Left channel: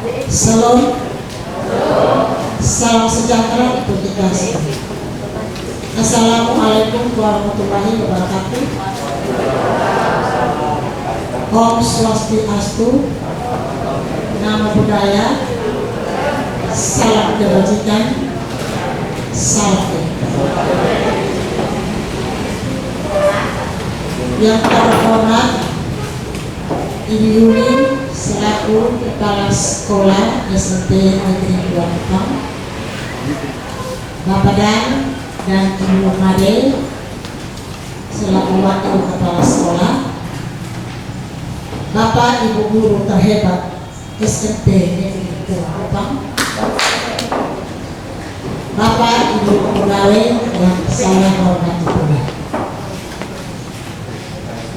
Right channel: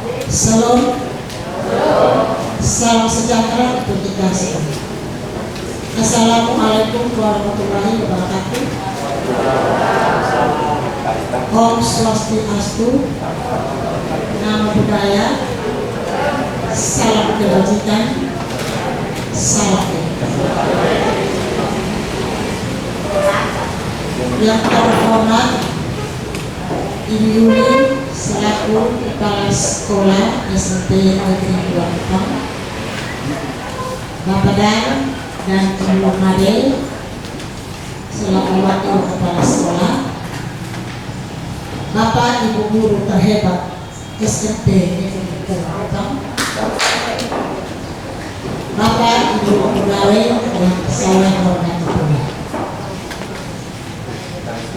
Salam, salam sejahtera untuk kita semua. Assalamualaikum warahmatullahi wabarakatuh. Om Swastiastu, nama budaya, salam kebajikan, salam yang terhormat Ibu Yuni selaku Kepala Sekolah SMP Negeri 2 Kupang, Bapak dan Ibu Made selaku Wakil Kepala Sekolah, Bapak Ibu Guru terhebat SMP Negeri 2 Kupang, Bapak Ibu pegawai yang saya hormati pula.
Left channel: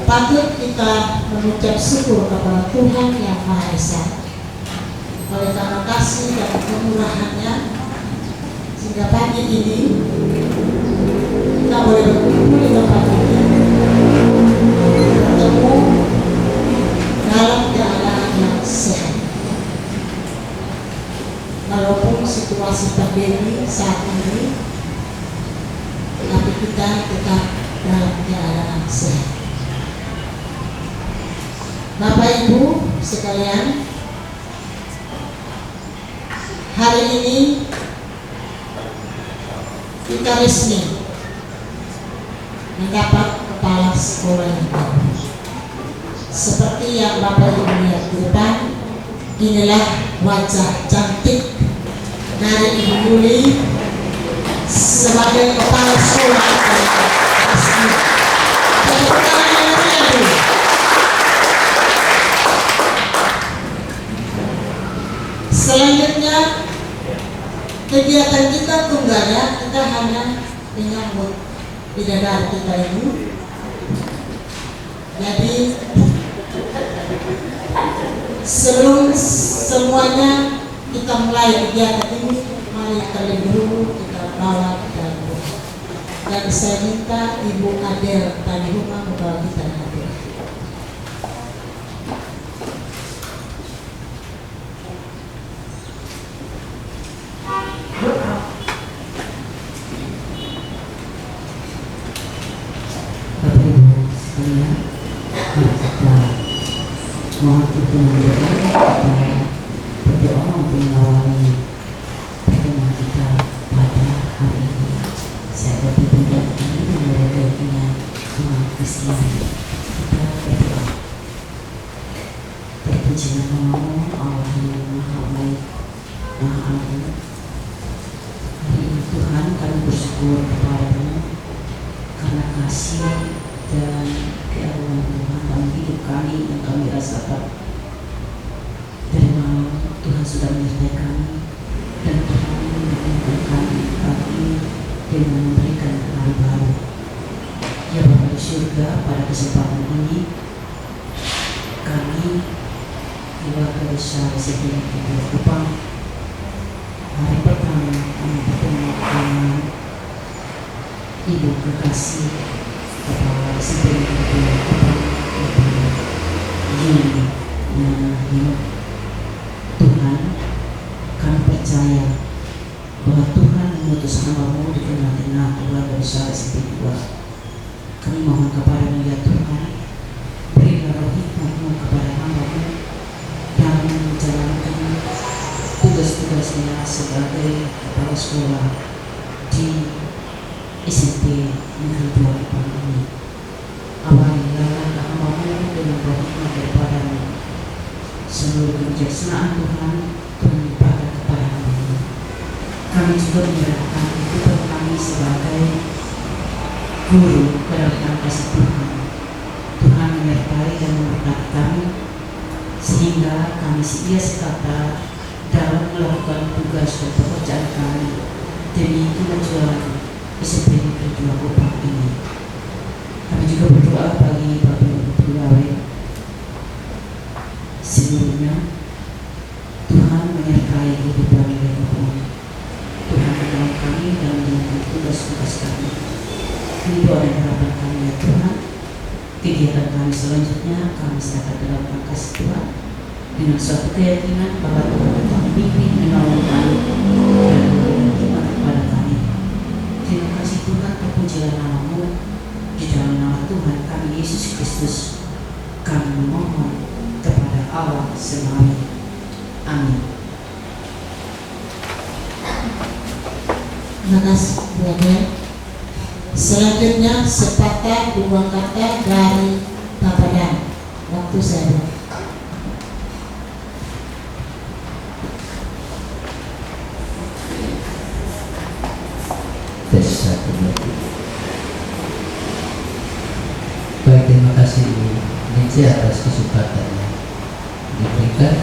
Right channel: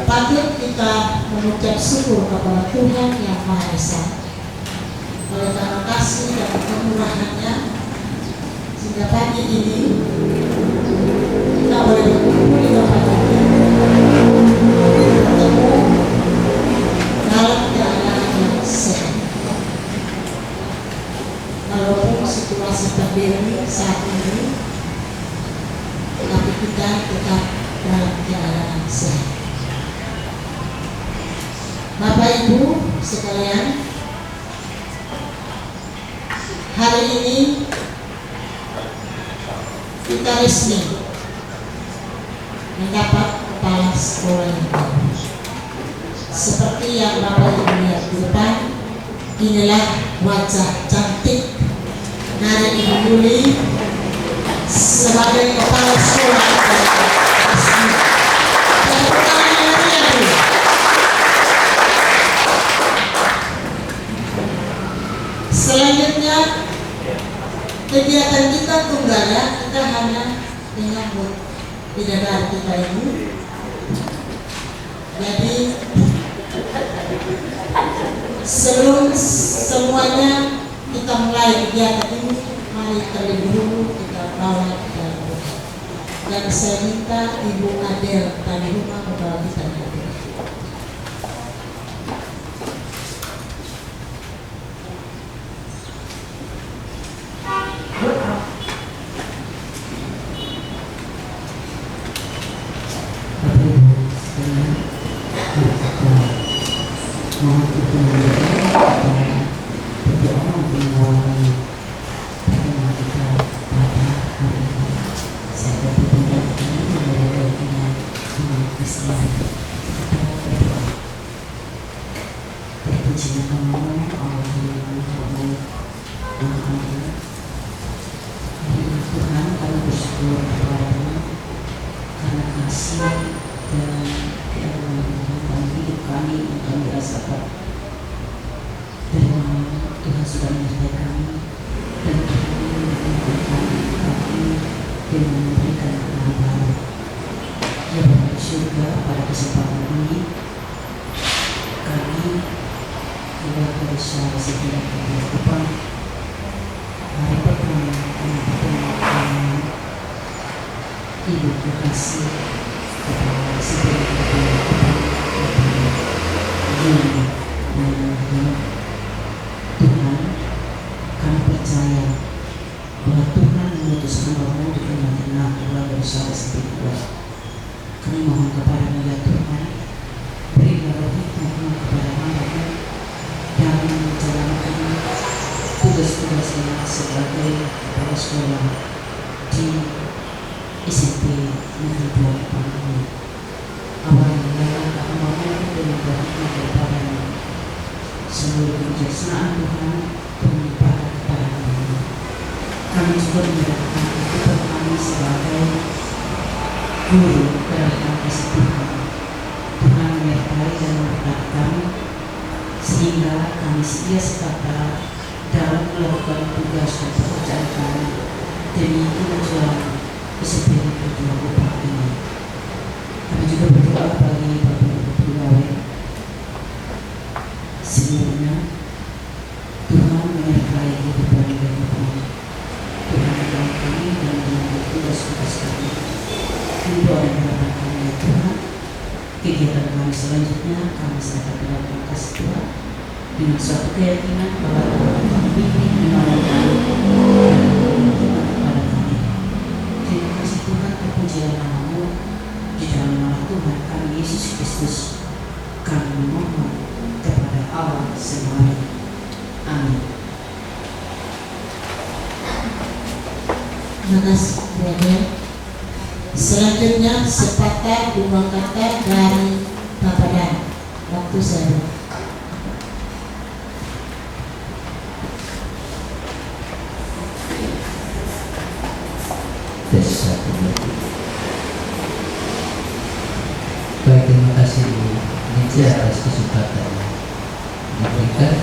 Patut kita mengucap syukur kepada Tuhan Yang Maha Esa oleh karena kasih dan kemurahannya sehingga pagi ini kita boleh berkumpul di tempat ini bertemu dalam keadaan yang sehat. Walaupun situasi pandemi saat ini, tapi kita tetap dalam keadaan sehat. Bapak Ibu sekalian, hari ini kita resmi mendapat kepala sekolah yang baru. Seperti yang Bapak Ibu lihat di depan, inilah wajah cantik dari Ibu Yuli sebagai kepala sekolah resmi. Selanjutnya kegiatan kita tunggalnya, kita hanya menyambut bidadari kita ini. Jadi sebelum semuanya kita mulai kegiatan ini, mari terlebih dahulu kita bawa ke dalam rumah. Dan saya minta Ibu Adel dari rumah membawa kita ke dalam. Mohon perkenan berdoa mengawali pertemuan kita pada hari ini. Saya berpindah ini memulai dengan umat Islam. Kita berdoa. Terpuji nama Allah yang Maha Baik, Maha Adil. Hari ini Tuhan, kami bersyukur kepada-Mu karena kasih dan keadilan Tuhan dalam hidup kami yang kami rasakan. Dari malam Tuhan sudah menyertai kami dan Tuhan mengingatkan kami dengan memberikan hari baru. Ya Bapa di surga, pada kesempatan ini kami keluarga besar Sekolah Negeri 2 Kupang hari pertama kami bertemu dengan Ibu Kekasih Kepala Sekolah Negeri 2 Kupang Yuni. Tuhan, kami percaya bahwa Tuhan mengutus hamba-Mu di tengah-tengah keluarga besar SMP 2. Kami mohon kepada-Mu ya Tuhan, berilah roh hikmat-Mu kepada hamba-Mu dalam menjalankan tugas-tugasnya sebagai kepala sekolah di SMP Negeri 2 Kupang ini. Awalnya hamba-Mu dengan roh hikmat daripada-Mu. Seluruh kebijaksanaan Tuhan limpahkan kepada kami. Kami juga menyerahkan kehidupan kami sebagai guru ke dalam kasih Tuhan. Tuhan menyertai dan memberkati kami sehingga kami setia sekata dalam melakukan tugas dan pekerjaan kami demi kemajuan SMP Negeri 2 Kupang ini. Kami juga berdoa bagi Bapak Ibu pegawai seluruhnya. Tuhan menyertai kehidupan kami. Tuhan menolong kami dan menjalankan tugas-tugas kami. Doa dan harapan kami ya Tuhan, kegiatan kami selanjutnya kami serahkan dalam kasih Tuhan dengan suatu keyakinan bahwa Tuhan Yesus Kristus kami memohon kepada Allah semuanya. Amin. Terima kasih, Brother. Selanjutnya sepatah dua kata dari Bapak Dan. Waktu saya. Tes 1, 2, 3. Baik, terima kasih Bu Nici atas kesempatan yang diberikan.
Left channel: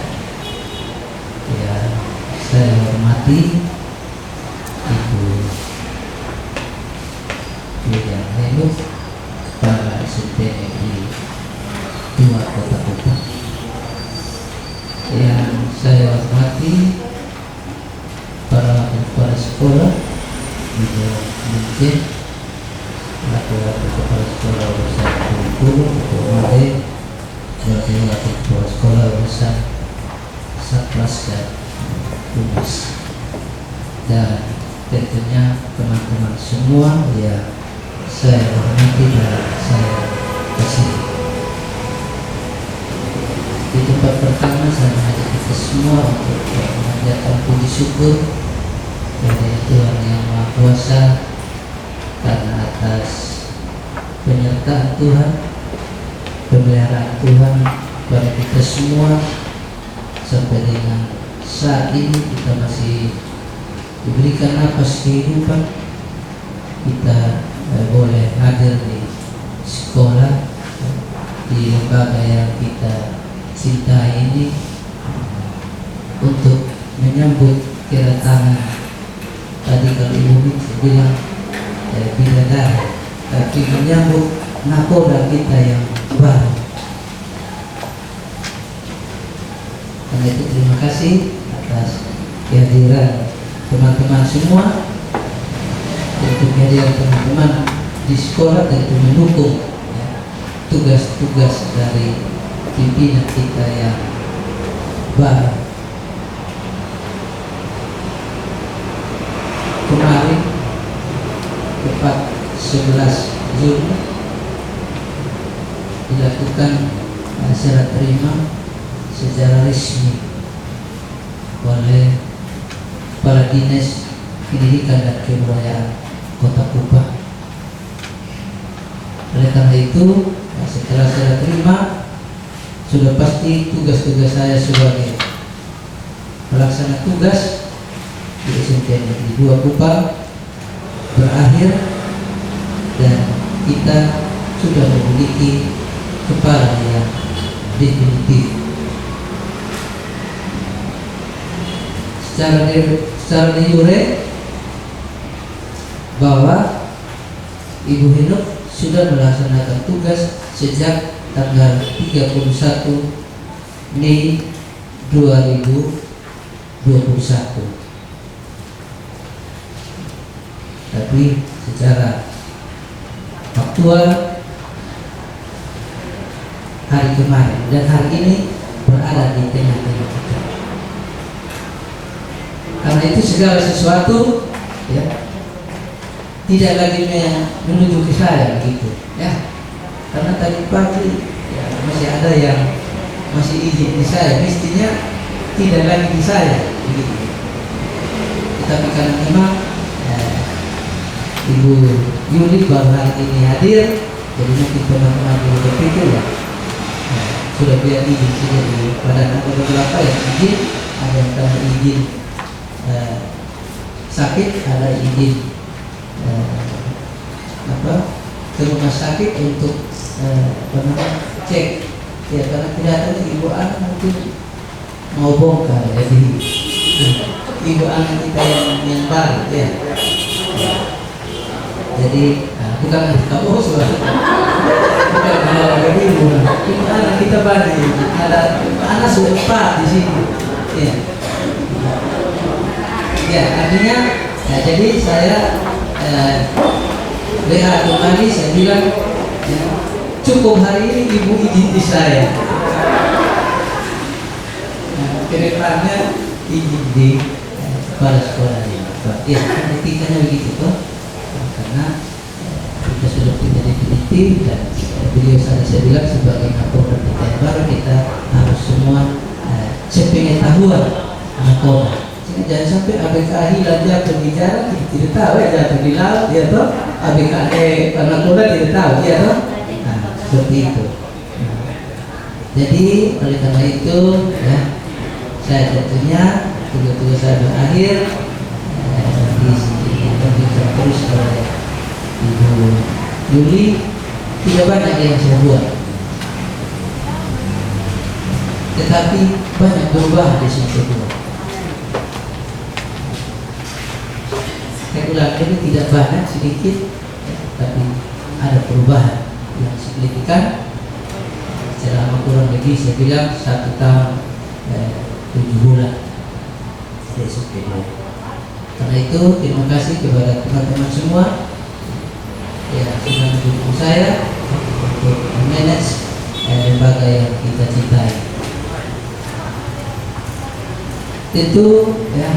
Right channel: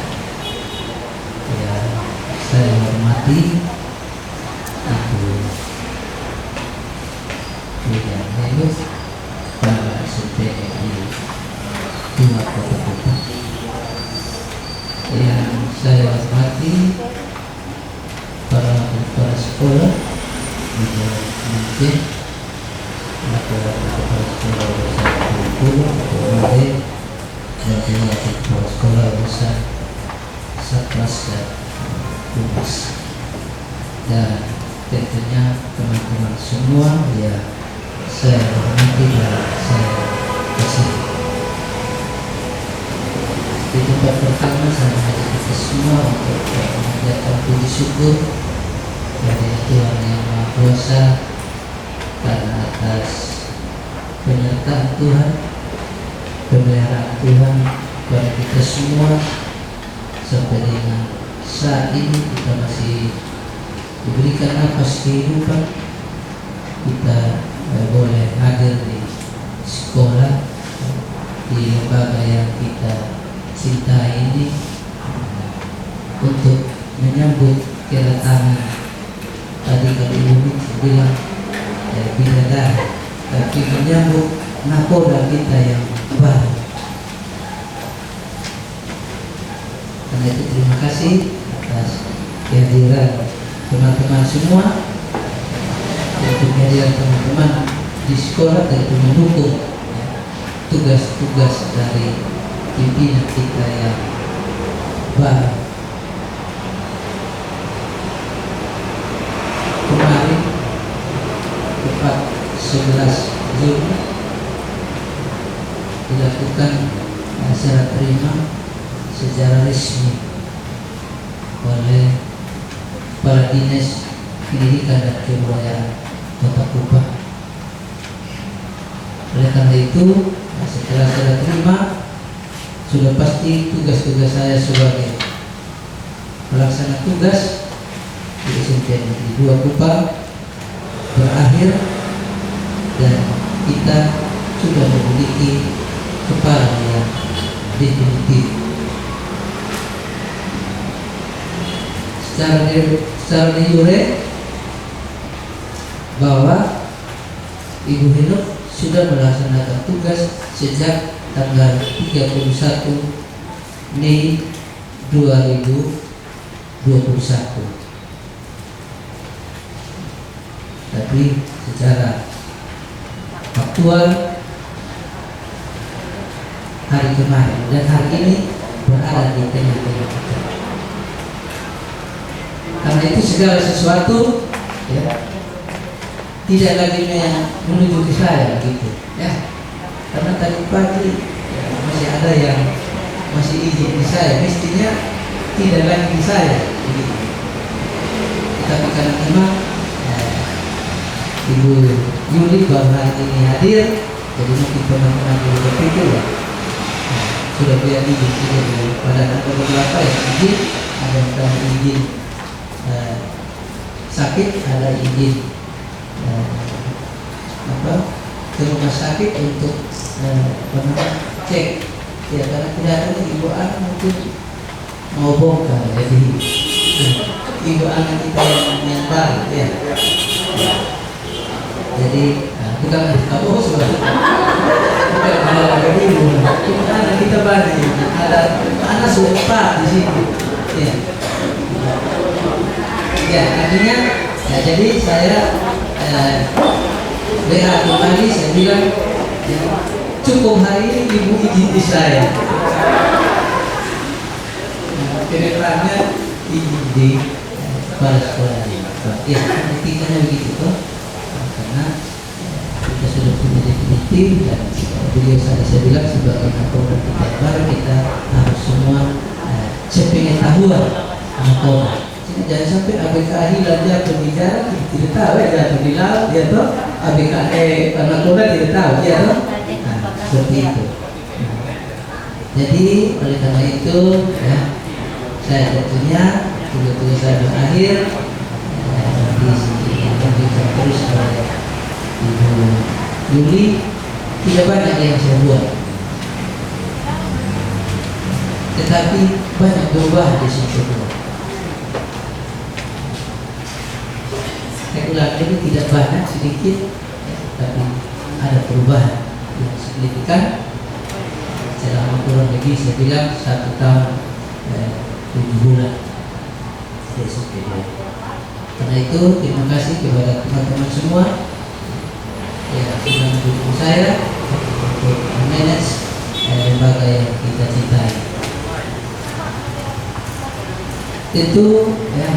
Ya, saya hormati Ibu William Helu, Kepala STNI 2 Kota Kupang. Yang saya hormati para kepala sekolah, mungkin laki-laki kepala sekolah urusan guru, Made, dan juga kepala sekolah urusan Satgas dan Humas, dan tentunya teman-teman semua yang saya hormati dan saya kasih. Di tempat pertama saya mengajak kita semua untuk mengajarkan puji syukur kepada Tuhan yang Maha Kuasa karena atas penyertaan Tuhan, pemeliharaan Tuhan kepada kita semua sampai dengan saat ini kita masih diberikan napas kehidupan. Kita boleh hadir di sekolah, di lembaga yang kita cintai ini untuk menyambut kedatangan. Tadi kalau Ibu bilang bidadari, tapi menyambut nakoda kita yang baru. Karena itu terima kasih atas kehadiran teman-teman semua, untuk kehadiran teman-teman di sekolah dan itu mendukung tugas-tugas dari pimpinan kita yang baru. Kemarin tepat 11 Juni dilakukan serah terima secara resmi oleh Kepala Dinas Pendidikan dan Kebudayaan Kota Kupang. Oleh karena itu, setelah serah terima, sudah pasti tugas-tugas saya sebagai pelaksana tugas di SMPN Negeri 2 Kupang berakhir, dan kita sudah memiliki kepala yang definitif. Secara de jure bahwa Ibu Henok sudah melaksanakan tugas sejak tanggal 31 Mei 2021. Tapi secara faktual hari kemarin dan hari ini berada di tengah-tengah kita. Karena itu segala sesuatu ya tidak lagi menuju ke saya gitu ya. Karena tadi pagi ya, masih ada yang masih izin di saya, mestinya tidak lagi di saya begitu. Tetapi karena memang Ibu Yuli baru hari ini hadir, jadi mungkin teman-teman juga berpikir ya sudah biar izin saja pada ada beberapa yang izin, ada yang telah izin sakit, ada izin ke rumah sakit untuk cek ya, karena kelihatannya ibu anak mungkin mau bongkar, jadi ibu anak kita yang baru ya. Jadi bukan kamu sudah bukan ada ibu, anak kita baru ada anak sudah 4 di sini ya. Ya, artinya ya, jadi saya lihat kembali, saya bilang ya, cukup hari ini ibu izin di saya. Kedepannya izin di kepala sekolah ini. Ya, etikanya begitu toh. Karena kita sudah punya definitif dan beliau saya bilang sebagai Kapolda kita yang baru, kita harus semua sepengetahuan narkoba. Jadi jangan sampai ABK hilang jatuh di jalan, tidak tahu ya, jatuh di laut, ya toh. ABK narkoba tidak tahu, ya toh. Nah, seperti itu. Jadi oleh karena itu ya, saya tentunya tugas-tugas saya berakhir dilanjutkan terus oleh Ibu Yuli. Tidak banyak yang saya buat, tetapi banyak perubahan di situ. Saya ulang ini tidak banyak, sedikit, ya, tapi ada perubahan yang signifikan. Selama kurang lebih saya bilang 1 tahun 7 bulan. Karena itu terima kasih kepada teman-teman semua yang sudah mendukung saya untuk memanage lembaga yang kita cintai. Tentu ya,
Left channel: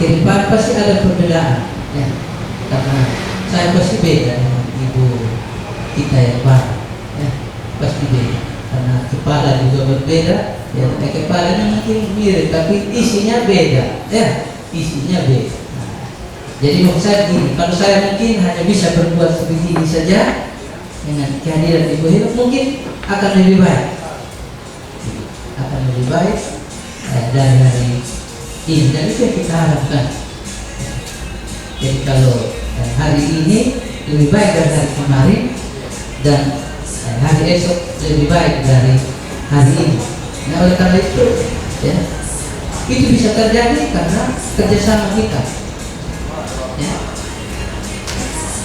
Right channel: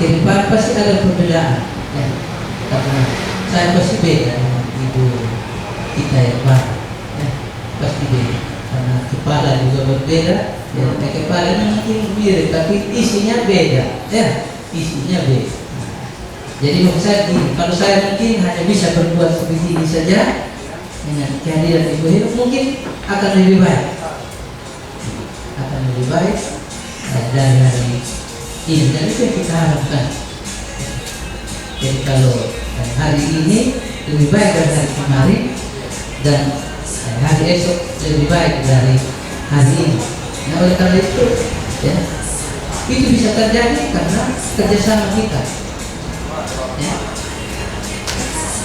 ke depan pasti ada perbedaan ya, karena saya pasti beda dengan ibu kita yang baru ya, pasti beda karena kepala juga berbeda ya, kepalanya mungkin mirip tapi isinya beda ya, isinya beda. Jadi maksud saya gini, kalau saya mungkin hanya bisa berbuat seperti ini saja dengan kehadiran Ibu Heru, mungkin akan lebih baik, dari hari ini. Dan itu yang kita harapkan. Jadi kalau hari ini lebih baik dari hari kemarin, dan hari esok lebih baik dari hari ini. Nah oleh karena itu ya, itu bisa terjadi karena kerjasama kita. Ya.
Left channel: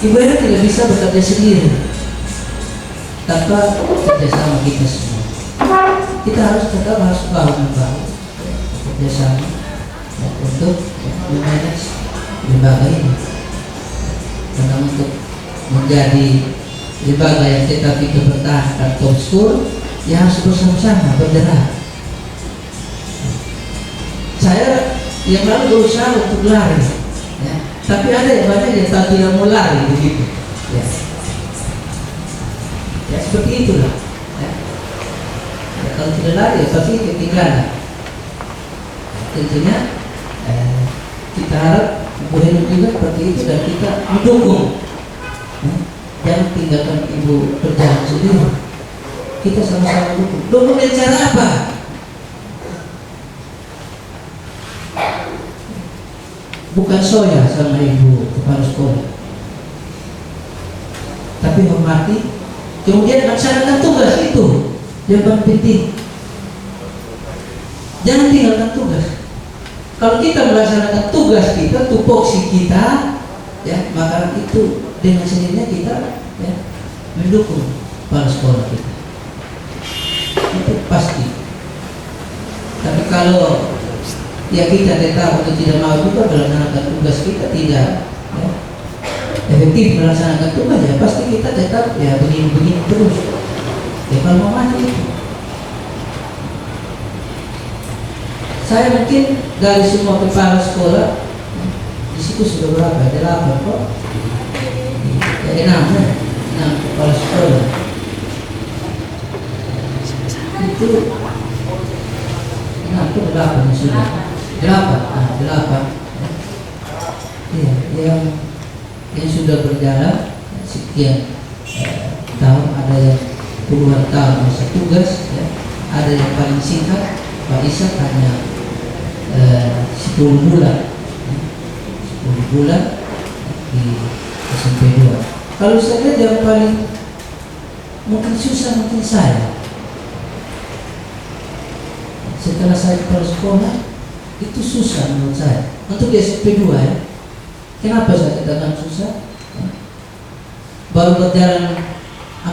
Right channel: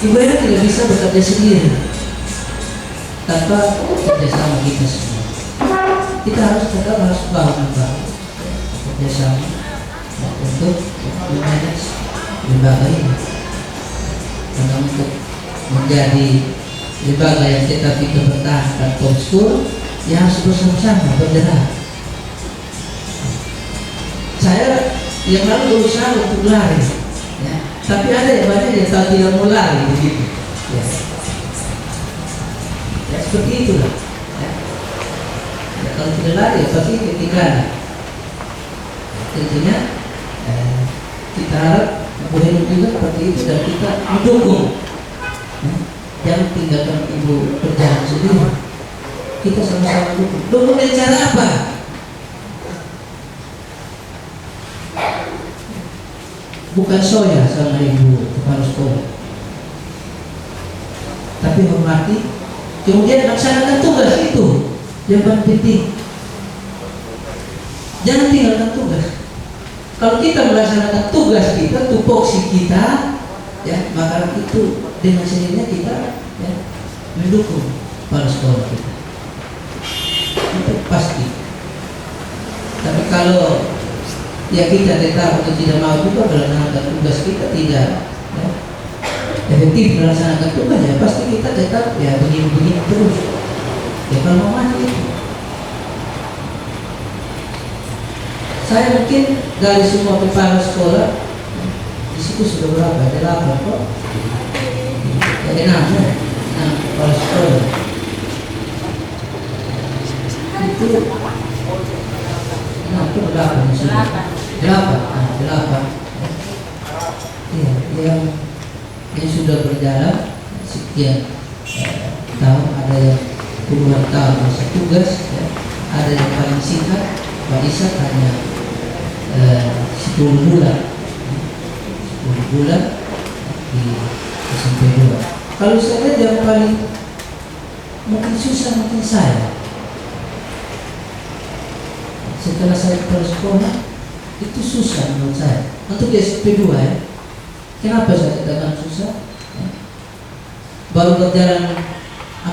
Ibu Heru tidak bisa bekerja sendiri tanpa kerjasama kita semua. Kita harus tetap bahu-membahu kerjasama ya, untuk memanage lembaga ini. Karena untuk menjadi lembaga yang tetap kita pertahankan top school, ya harus bersama-sama bergerak. Saya yang lalu berusaha untuk lari. Ya. Tapi ada yang banyak yang tidak mau lari begitu. Ya, ya seperti itulah. Ya. Ya, kalau tidak lari, ya pasti ketinggalan. Tentunya kita harap Ibu Heru juga seperti itu dan kita mendukung. Ya. Jangan tinggalkan Ibu berjalan sendiri. Kita sama-sama dukung. Dukung dengan cara apa? Bukan soya sama Ibu kepala sekolah, tapi hormati, kemudian laksanakan tugas itu yang paling penting. Jangan tinggalkan tugas. Kalau kita melaksanakan tugas kita, tupoksi kita, ya maka itu dengan sendirinya kita ya, mendukung kepala sekolah kita. Itu pasti. Tapi kalau ya kita tetap atau tidak mau juga melaksanakan tugas kita, tidak ya, efektif melaksanakan tugas, ya pasti kita tetap ya begini-begini terus. Ya kalau mau mati itu. Saya mungkin dari semua kepala sekolah di situ sudah berapa? Ada 8 kok. Ada 6 kepala sekolah. Itu 8 sudah. 8. Iya, yang sudah berjalan sekian tahun, ada yang puluhan tahun masa tugas, ya. Ada yang paling singkat, Pak Ishak hanya 10 bulan di SMP 2. Kalau saya lihat yang paling mungkin susah mungkin saya. Setelah saya kepala sekolah itu susah menurut saya untuk SMP 2 ya. Kenapa saya katakan susah? Ya. Baru berjalan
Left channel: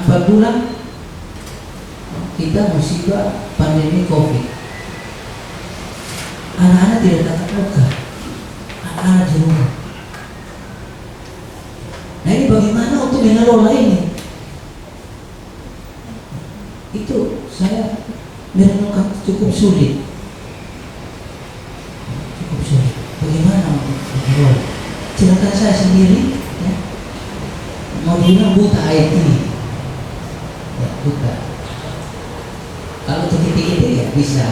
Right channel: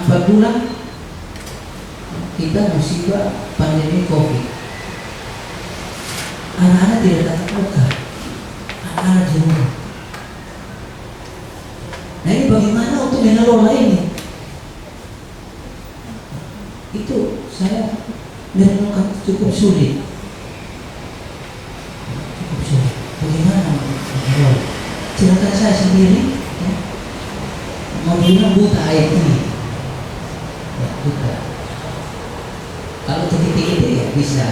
4 bulan kita musibah pandemi COVID. Anak-anak tidak tatap muka, anak-anak di rumah. Nah ini bagaimana untuk mengelola ini? Itu saya merenungkan cukup sulit. Bagaimana untuk mengelola? Silakan saya sendiri ya. mau bilang buta IT, ya, buta. Kalau titik itu ya bisa.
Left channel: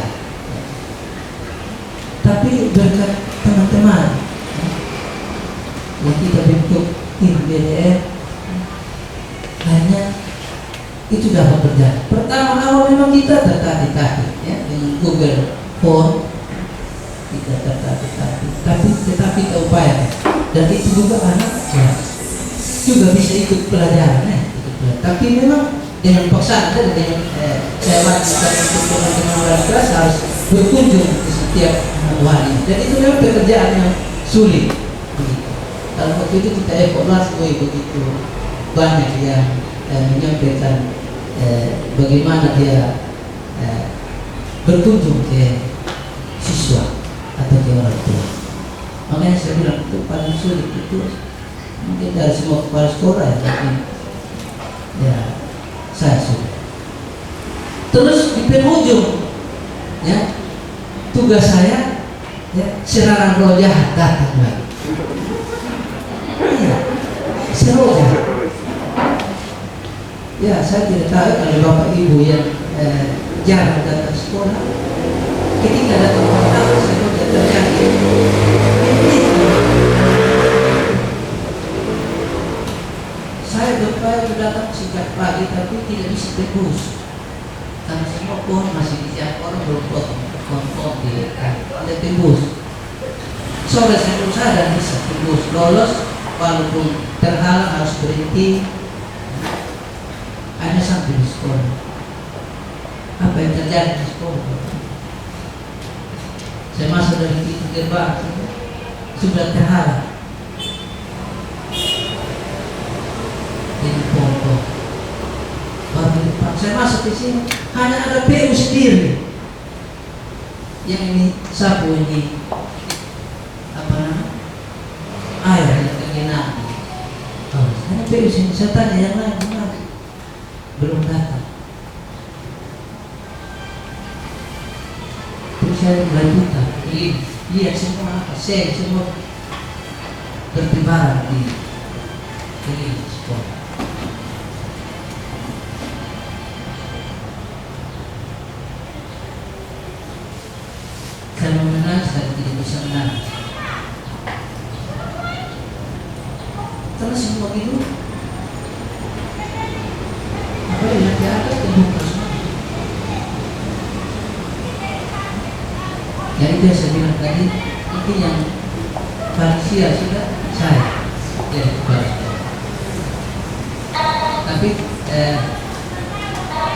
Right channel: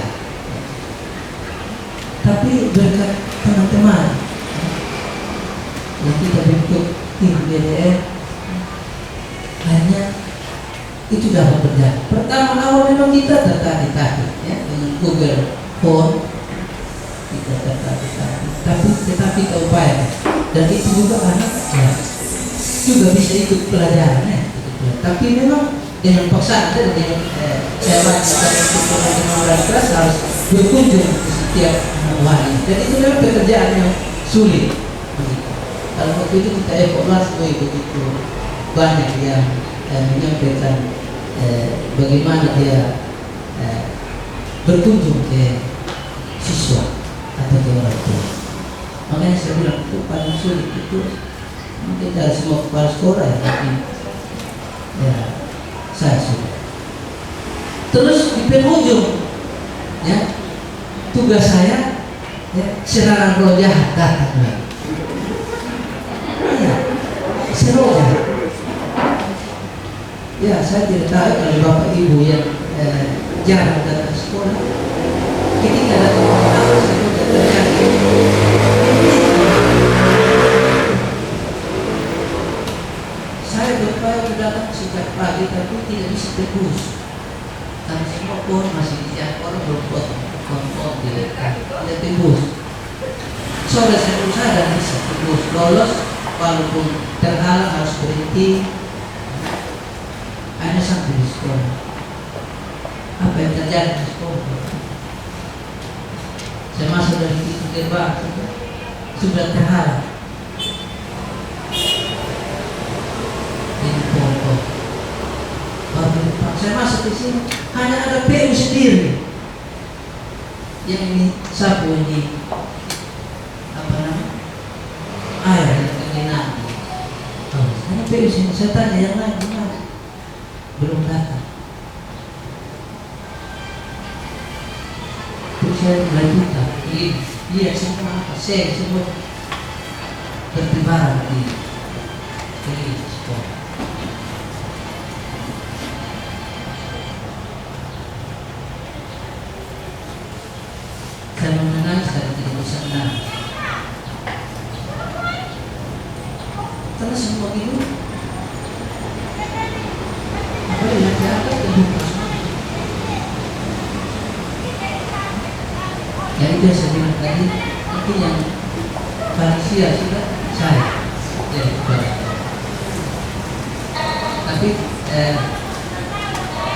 Tapi berkat teman-teman yang kita bentuk tim BDR, hanya itu dapat berjalan. Pertama awal memang kita tertatih-tatih ya, dengan Google Form kita tertatih-tatih, tetapi kita upaya dan itu juga anak ya, juga bisa ikut pelajaran ya, ikut pelajaran. Tapi memang dengan paksaan dan dengan saya wajibkan untuk teman-teman kelas harus berkunjung ke setiap wali, dan itu memang pekerjaan yang sulit. Kalau waktu itu kita evaluasi begitu banyak yang menyampaikan bagaimana dia berkunjung ke siswa atau ke orang tua. Makanya saya bilang itu paling sulit itu mungkin dari semua kepala sekolah ya, tapi ya saya sulit. Terus di penghujung ya tugas saya ya serangan roh jahat datang lagi. Ya, seroh jahat. Ya, saya tidak tahu kalau bapak ibu yang jarang datang sekolah, ketika datang pertama saya sudah terjadi. Saya berupaya datang sejak pagi tapi tidak bisa tembus karena semua pohon masih dijangkau, orang belum potong tidak tembus. Sore saya berusaha dan bisa tembus lolos, walaupun terhalang harus berhenti. Hanya sampai di sekolah. Apa yang terjadi di sekolah? Saya masuk dari pintu gerbang, sudah terhalang. Ini pokok. Baru depan saya masuk di sini, hanya ada PU sendiri. Yang ini sapu ini apa namanya? Air yang tergenang. Oh, hanya PU sini. Saya tanya yang lain gimana? Belum datang. Terus saya melanjutkan. Lihat semua apa? Semua bertebaran di sekolah. Saya menangis tapi tidak bisa menangis. Karena semua itu apa yang di atas terbuka semua. Ya itu yang saya bilang tadi, mungkin yang paling sia sudah saya jadi kepala sekolah. Tapi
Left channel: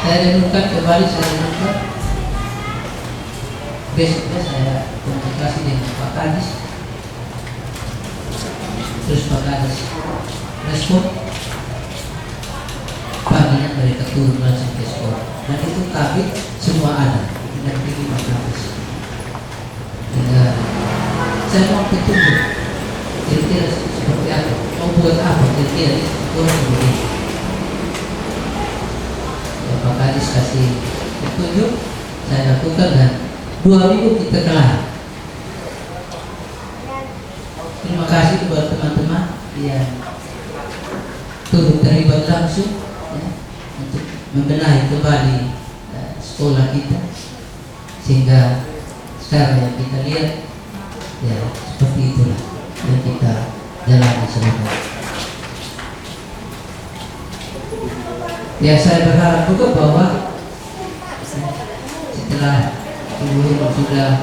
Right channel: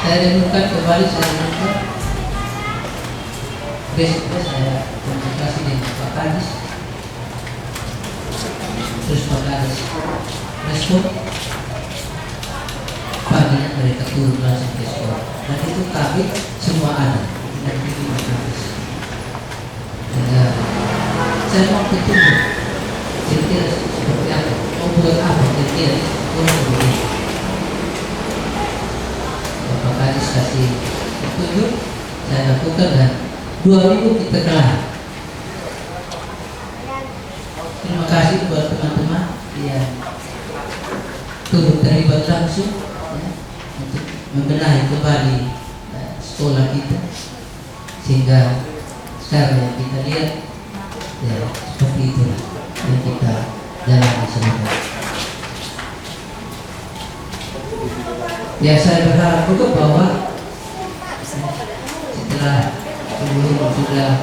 saya renungkan kembali, saya renungkan besoknya saya komunikasi dengan Pak Kadis, terus Pak Kadis respon paginya mereka turun langsung ke sekolah, dan itu kami semua ada dan ini Pak Kadis. Saya mau ketemu kira-kira seperti apa, mau buat apa kira-kira kurang lebih. Pak Kadis kasih petunjuk, saya lakukan dan 2 minggu kita kelar. Terima kasih kepada teman-teman yang turut terlibat langsung ya, untuk membenahi kembali sekolah kita, sehingga sekarang yang kita lihat ya seperti itulah yang kita jalani semua. Ya, saya berharap juga bahwa setelah Ibu sudah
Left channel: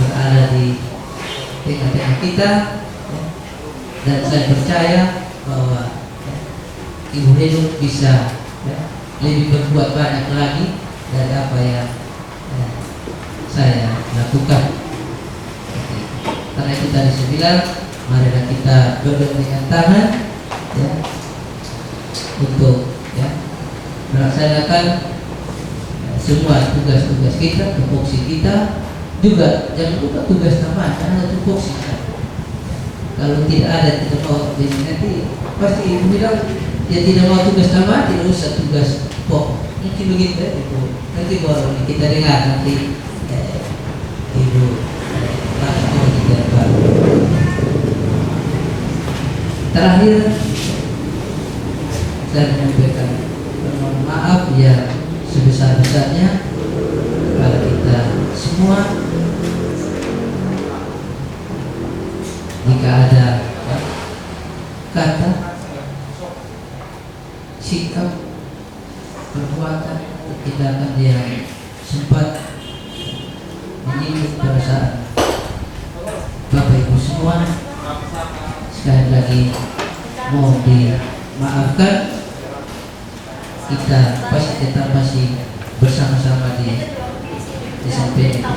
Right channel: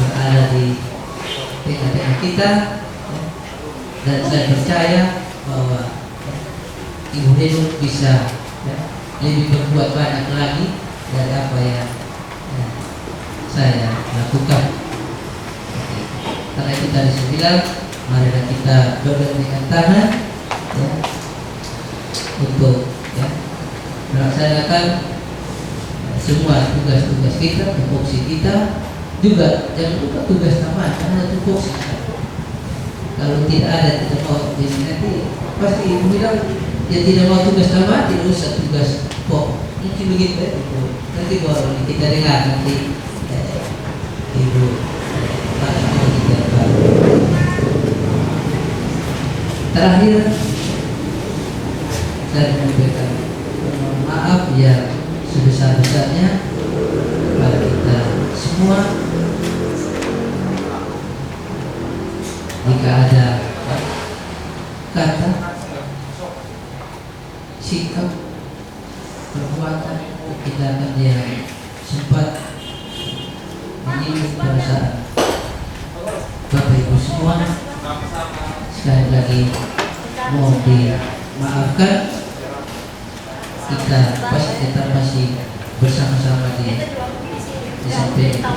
berada di tengah-tengah kita ya, dan saya percaya bahwa ya, Ibu Heru bisa ya, lebih berbuat banyak lagi dari apa yang ya, saya lakukan. Karena itu tadi saya bilang, marilah kita bergandengan tangan ya, untuk ya, melaksanakan semua tugas-tugas kita, tupoksi kita juga. Jangan lupa tugas tambahan, karena ada tupoksi. Kalau tidak ada, tidak mau, jadi nanti pasti Ibu bilang dia tidak mau tugas tambahan, tidak usah tugas pokok. Mungkin begitu ya Ibu. Nanti baru kita dengar nanti Ibu langsung kita baru. Terakhir semua, jika ada kata, sikap, perbuatan, tindakan yang sempat menyinggung perasaan Bapak Ibu semua, sekali lagi mohon dimaafkan. Kita pasti tetap masih bersama-sama di SMP 2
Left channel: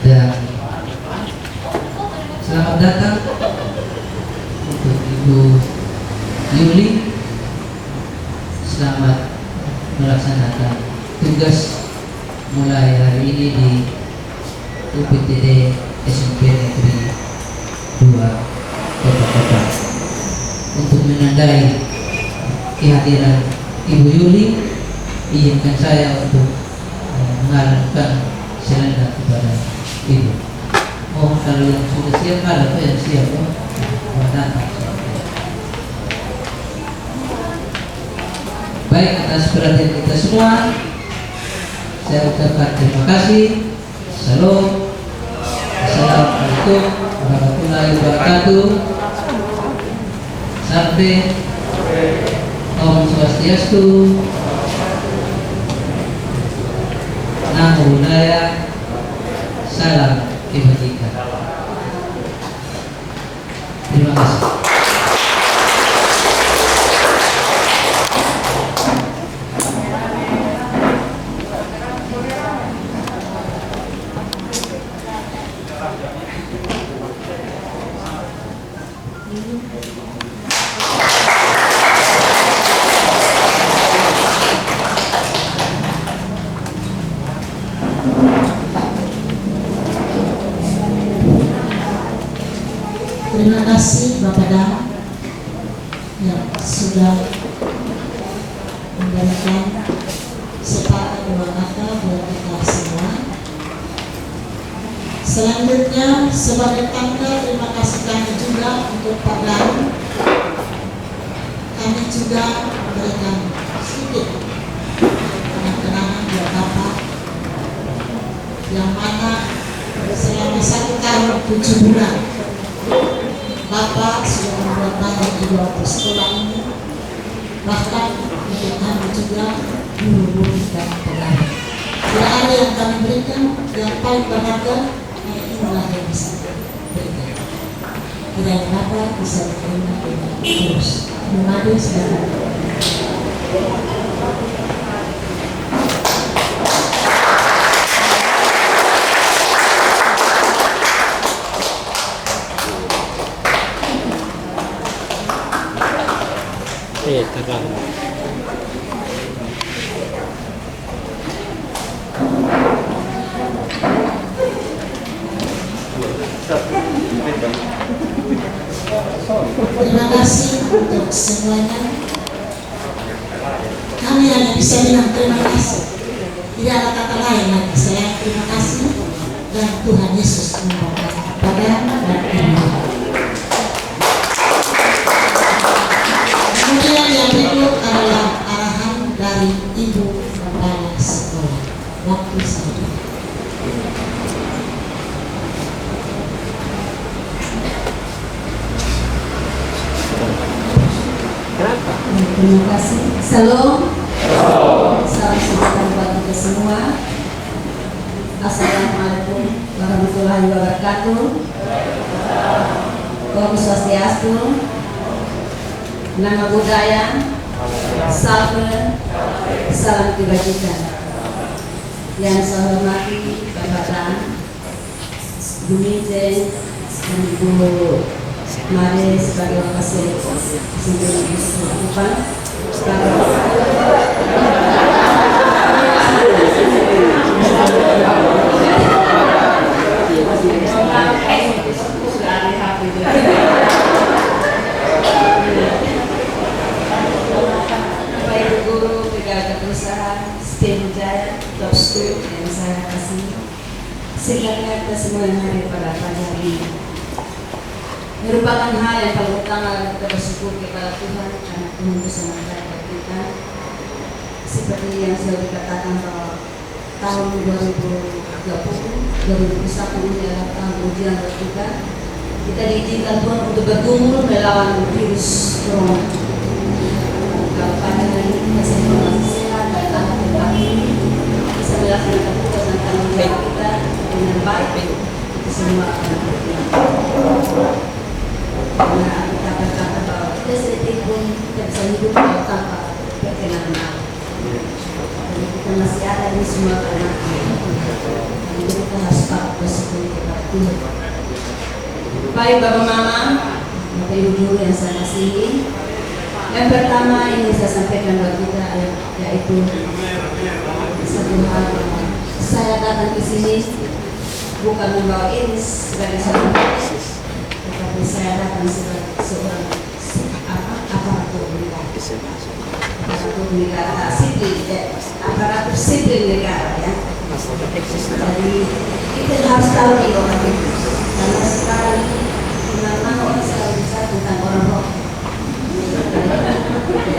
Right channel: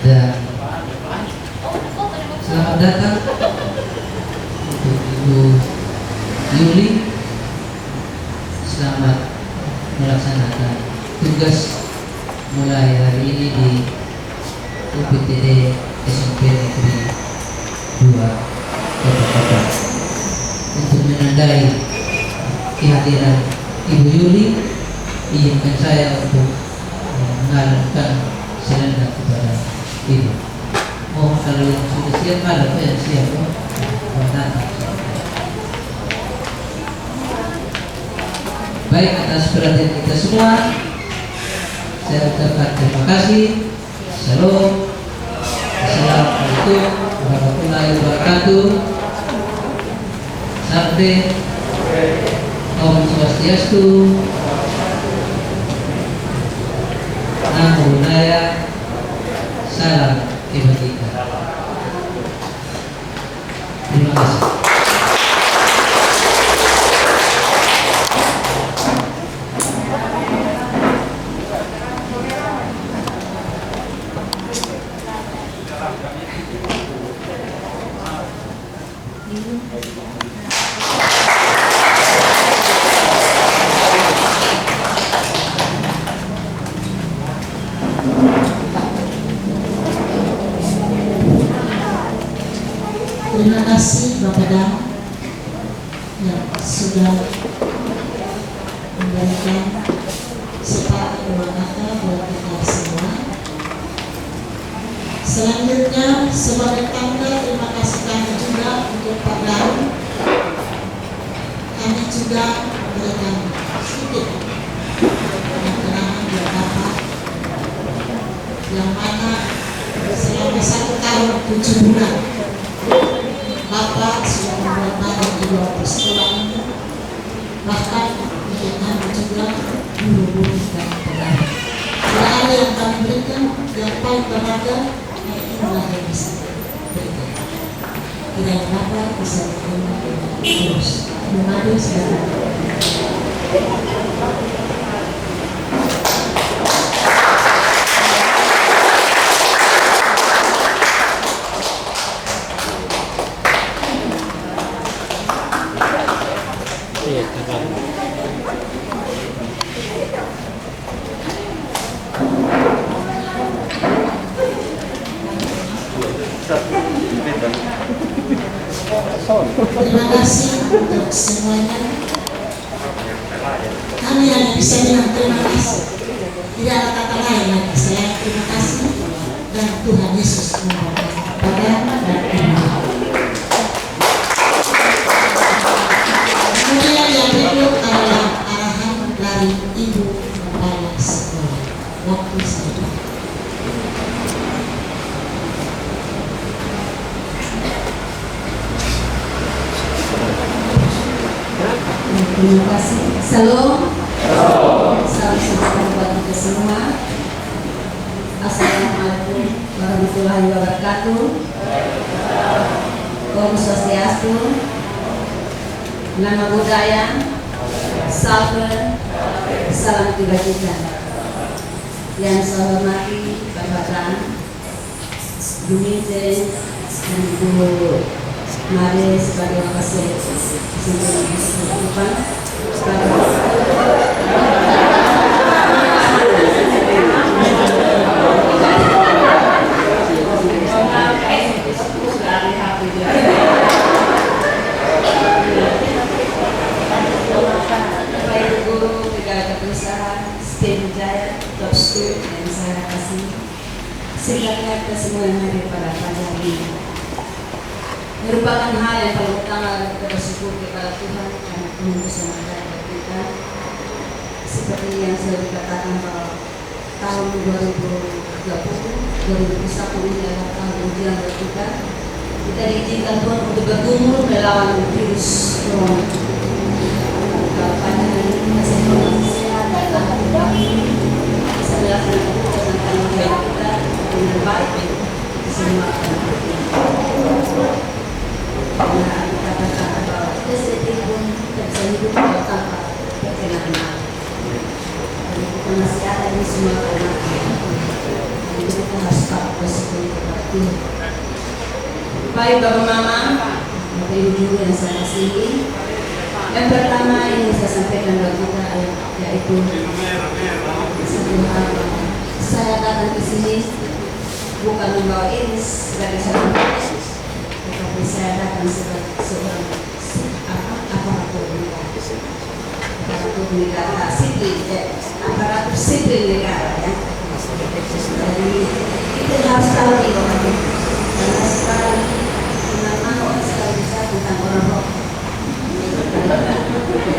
dan selamat datang untuk Ibu Yuli. Selamat melaksanakan tugas mulai hari ini di UPTD SMP Negeri 2 Kota Padang. Untuk menandai kehadiran Ibu Yuli, izinkan saya untuk mengalirkan selendang kepada Ibu. Oh, kalau yang sudah siap, ada yang siap, datang. Baik, atas perhatian kita semua, saya ucapkan terima kasih. Shalom. Assalamualaikum warahmatullahi wabarakatuh. Sampai Om Swastiastu, Namo Buddhaya, salam kebajikan. Terima kasih. Terima kasih Bapak Dam yang sudah memberikan sepatah dua kata buat kita semua. Selanjutnya sebagai tanda terima kasih kami juga untuk Pak Dam, kami juga memberikan sedikit kenangan buat Bapak yang mana selama 1 tahun 7 bulan Bapak sudah membuat banyak di luar sekolah ini, bahkan untuk kami juga guru-guru dan pegawai. Tidak ada yang kami berikan yang paling berharga, inilah yang bisa berikan. Kiranya Bapak bisa diterima dengan terus. Terima kasih. Terima kasih untuk semuanya. Kami hanya bisa bilang terima kasih. Tidak ada kata lain lagi. Saya terima kasih dan Tuhan Yesus memberkati kepada dan ibu. Kemudian yang berikut adalah arahan dari Ibu Kepala Sekolah. Waktu saya. Terima kasih. Salam. Salam sejahtera buat kita semua. Assalamualaikum warahmatullahi wabarakatuh. Om Swastiastu, Namo Buddhaya, salam kebajikan. Yang saya hormati Bapak Dan, Bu Mijen, dan Ibu Mari sebagai wakil depan guru, pegawai perusahaan, STEM Jaya, Top School yang saya kasih. Sehingga kita semua yang hadir pada pagi hari ini merupakan hal yang paling utama kita bersyukur kepada Tuhan karena Tuhan bisa memberkati kita. seperti yang sudah dikatakan bahwa tahun 2021 ini adalah tahun ujian buat kita. Kita diizinkan Tuhan untuk bergumul melawan virus corona. Kalau pada hari ini masih sehat dan hati bisa melaksanakan tugas dan tanggung jawab kita dengan baik, itu semua akan karena kita berkata bahwa kita sedikit pun tidak bisa hidup kalau tanpa perkenan Allah. Jadi kita masih ada ini semua karena jadi kita harus bersyukur kepada Tuhan. Baik Bapak Mama, Bapak Ibu Guru yang saya kasihi, yang pertama ini saya sampaikan buat kita yaitu satu hal bahwa saya datang ke sini bukan membawa iris sebagai seorang Yesus, tetapi saya datang sebagai seorang aparatur negara, aparatur sipil negara ya. Jadi kita harus tahu itu karena sekarang mana orang selalu bicara tentang orang roh.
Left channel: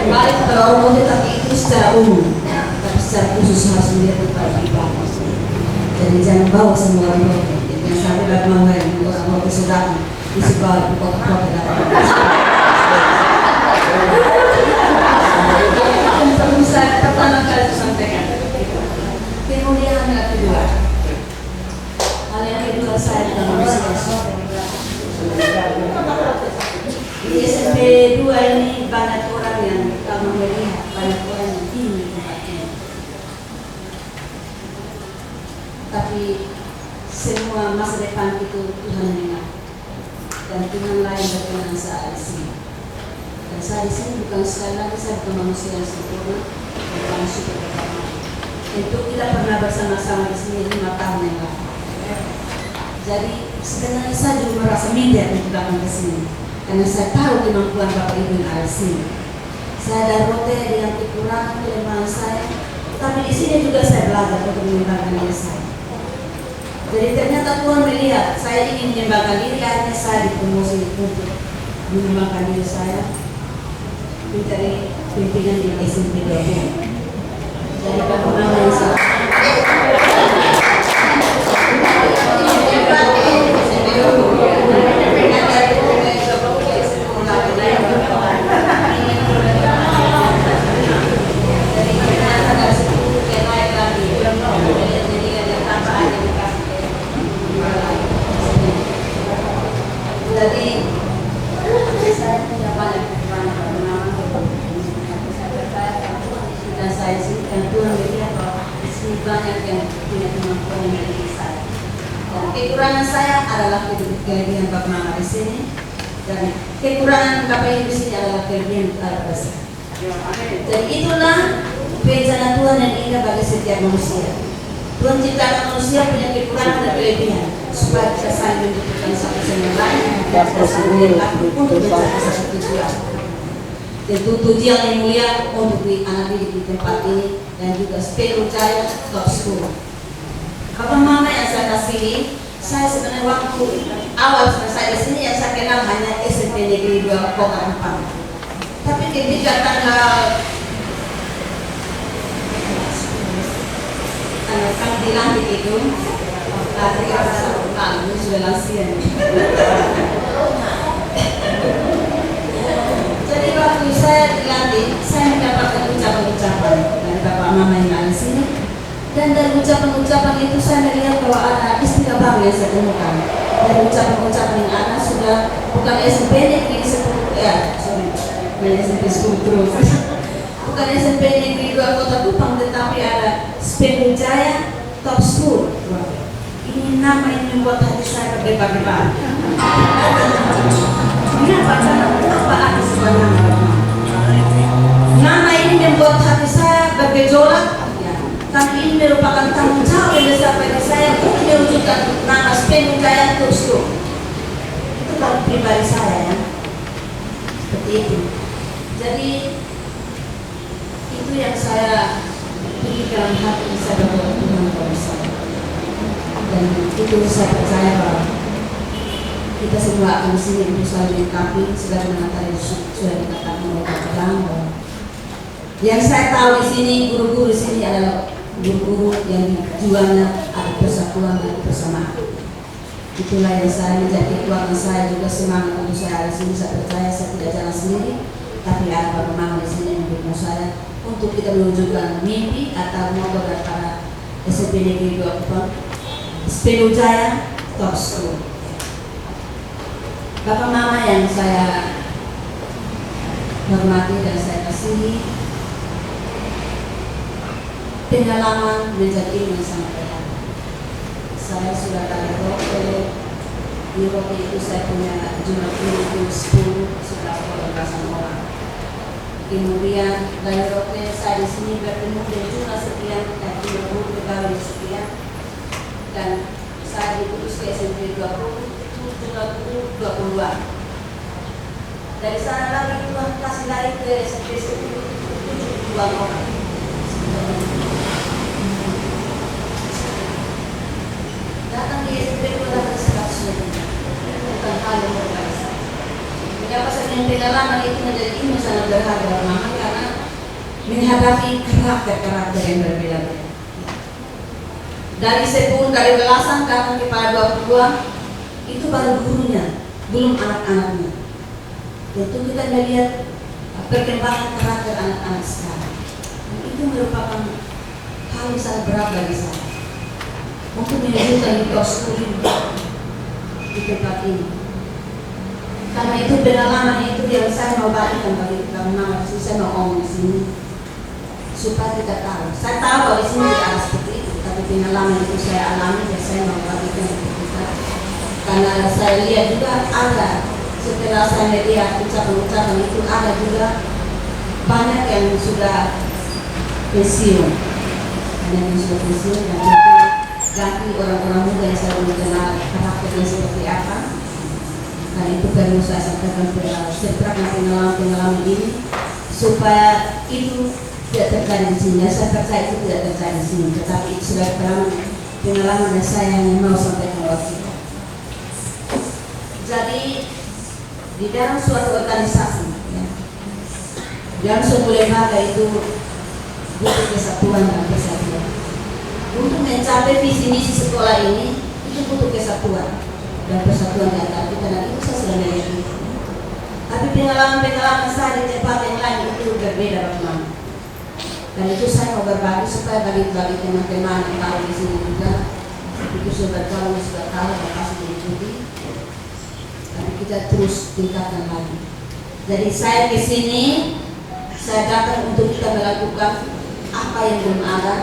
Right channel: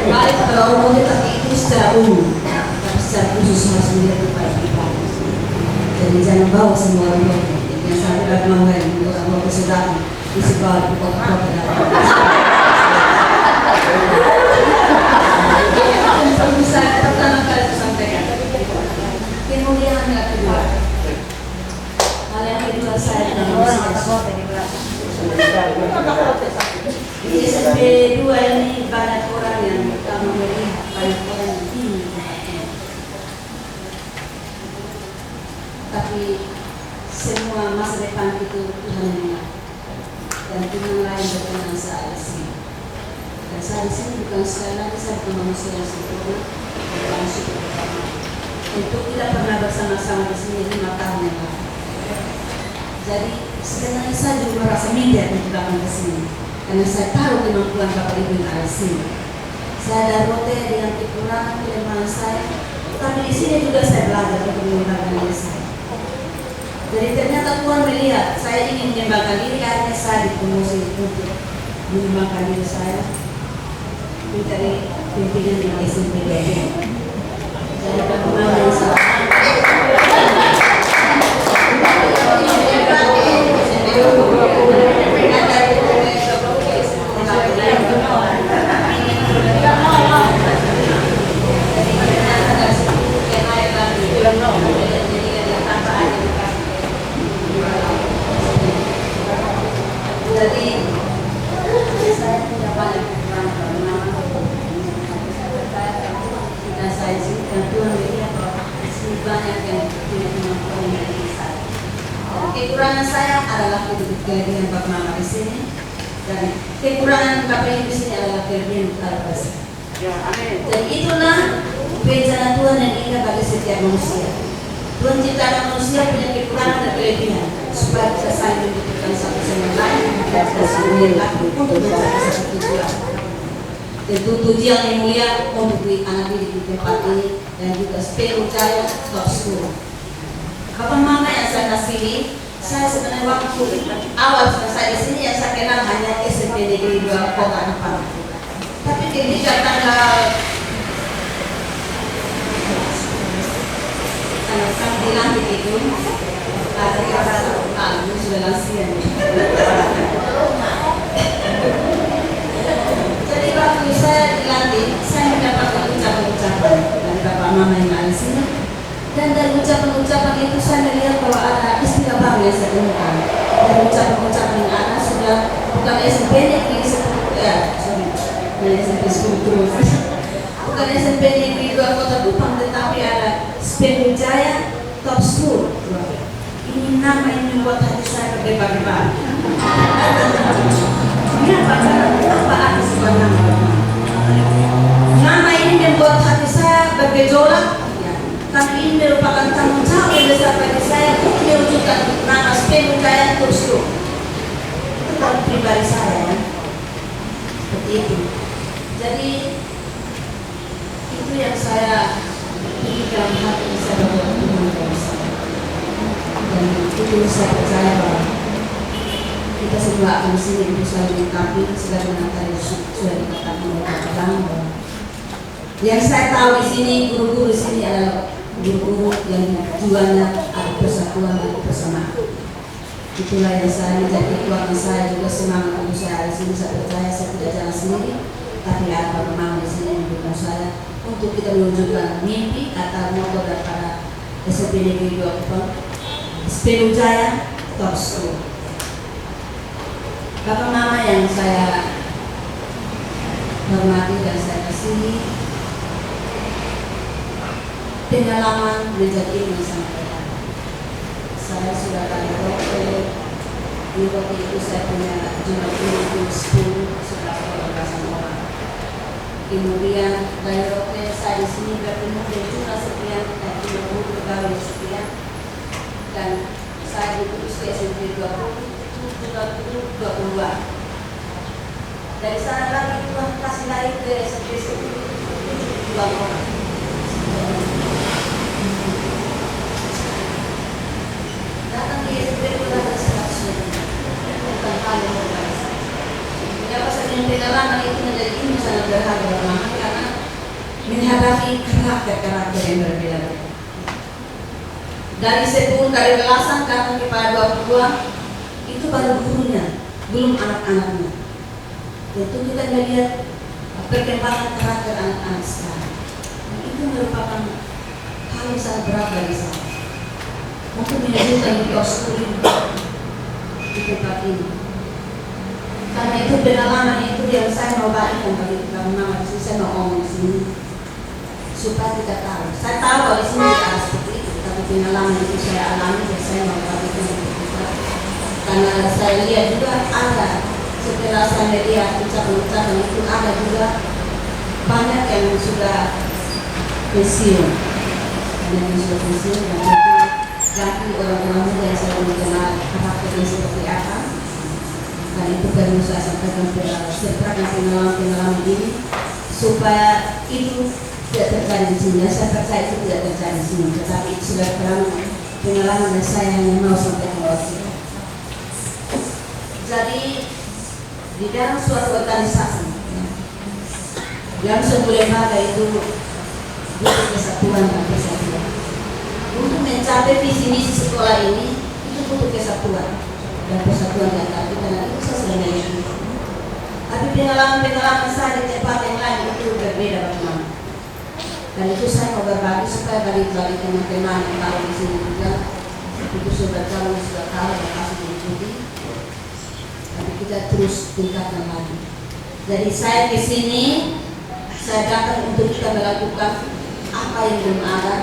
Baik kalau umum tetapi itu secara umum, tapi secara khusus harus melihat kepada pribadi. Jadi jangan bawa semua orang roh. Yang sampai bagaimana orang roh kesudahan isi bawa di kota-kota dalam. Perlu saya pertama kali sampaikan. Kemudian yang kedua, hal yang kedua saya dalam di SMP 2 ini banyak orang yang kamu melihat, banyak orang yang tinggi tempatnya. Tapi semua masa depan itu Tuhan yang ingat. Dan Tuhan lain berkenan saya di sini. Dan saya di sini bukan sekali lagi saya bukan manusia yang sempurna, bukan syukur pertama. Tentu tidak pernah bersama-sama di sini 5 tahun yang lalu. Jadi sebenarnya saya juga merasa minder untuk datang ke sini. Karena saya tahu kemampuan Bapak Ibu yang ada di sini. Saya ada rote dengan kekurangan kelemahan saya, tapi di sini juga saya belajar untuk mengembangkan diri saya. Jadi ternyata Tuhan melihat saya ingin mengembangkan diri, akhirnya saya dipromosi untuk mengembangkan diri saya mencari pimpinan di SMP 2. Jadi bagaimana yang salah? Jadi saya punya banyak kekurangan dan saya sih dan Tuhan melihat bahwa di sini banyak yang punya kemampuan yang dari saya. Kekurangan saya adalah kelebihan Bapak Mama di sini dan kekurangan Bapak Ibu di sini adalah kelebihan Bapak saya. Jadi itulah rencana Tuhan yang indah bagi setiap manusia. Tuhan ciptakan manusia punya kekurangan dan kelebihan supaya kita saling membutuhkan satu sama lain dan kita saling untuk mencapai satu tujuan. Tentu tujuan yang mulia untuk anak didik di tempat ini dan juga Spero Jaya Top School. Bapak Mama yang saya kasihi, saya sebenarnya waktu awal saya di sini yang saya kenal hanya SMP Negeri 2 Kota Ampang. Tapi ketika tanggal dilantik itu dari rasa lalu sudah lansia. Jadi waktu saya dilantik, saya mendapatkan ucapan-ucapan dari Bapak Mama yang ada di sini. Dan dari ucapan-ucapan itu saya melihat bahwa ada istilah baru yang saya temukan. Dari ucapan-ucapan yang ada sudah bukan SMP Negeri 10 SMP 10 terus. Bukan SMP Negeri 2 Kota Kupang, tetapi ada Spero Jaya Top School. Ini nama yang membuat hati saya berdebar-debar. Apa arti sebenarnya? Nama ini membuat hati saya bergejolak. Tapi ini merupakan tanggung jawab yang besar bagi saya untuk mewujudkan nama Spero Jaya Top School. Itu kalau pribadi saya ya. Seperti itu. Jadi itu yang saya dalam hati saya berdoa Tuhan saya. Dan itu saya percaya bahwa kita semua akan di sini untuk saling melengkapi sebagaimana tadi sudah dikatakan oleh Bapak Bang bahwa Yang saya tahu di sini guru-guru di sini adalah guru-guru yang tujuannya ada persatuan dan kebersamaan. Itulah yang saya menjadi kekuatan saya juga semangat untuk saya di sini. Saya percaya saya tidak jalan sendiri, tapi ada Bapak Mama di sini yang mendukung saya untuk kita menunjukkan mimpi atau moto daripada SMP Negeri 2 Sepelu Jaya Top School. Bapak Mama yang saya hormati dan saya kasihi, pengalaman menjadi ilmu yang sangat berharga. Saya sudah kali oleh di waktu itu saya punya jumlah ilmu 10 sudah belasan orang. Kemudian dari waktu saya di sini bertemu dengan jumlah sekian dan 50 pegawai sekian, dan saya diputus ke SMP 20-an. Dari sana lagi Tuhan kasih lari ke SMP 72 orang. Datang di SMP itu ada 100 lebih. Bukan hal yang berbiasa. Mengapa saya punya pengalaman itu menjadi ilmu sangat berharga banget, karena menghadapi karakter-karakter yang berbeda-beda. Dari 10, dari belasan datang kepada 22, itu baru gurunya, belum anak-anaknya. Tentu kita melihat perkembangan karakter anak-anak sekarang. Dan itu merupakan hal yang sangat berat bagi saya untuk menunjukkan di Australia di tempat ini. Karena itu pengalaman itu yang saya mau bagikan bagi teman-teman. Saya mau ngomong di sini supaya kita tahu. Saya tahu bahwa di sini tidak ada seperti itu, tapi pengalaman itu saya alami dan saya mau bagikan untuk kita. Karena saya lihat juga ada, setelah saya melihat ucapan-ucapan itu, ada juga banyak yang sudah pensiun, dan ganti orang-orang muda yang saya belum kenal karakternya seperti apa. Dan itu perlu saya sampaikan setelah pengalaman ini supaya itu tidak terjadi di sini. Saya percaya itu tidak terjadi di sini, tetapi itu sudah pengalaman yang saya yang mau sampaikan waktu itu. Jadi di dalam suatu organisasi, ya, dalam sebuah lembaga itu butuh kesatuan dan persatuan. Untuk mencapai visi misi sekolah ini itu butuh kesatuan dan persatuan di antara kita, dan itu saya sudah melihat. Tapi pengalaman saya di tempat yang lain itu berbeda bagaimana. Dan itu saya mau berbagi supaya bagi teman-teman yang tahu di sini juga, itu sudah tahu dan pasti diikuti. Tapi kita terus tingkatkan lagi. Jadi saya ke sini, saya datang untuk kita melakukan apa yang belum ada.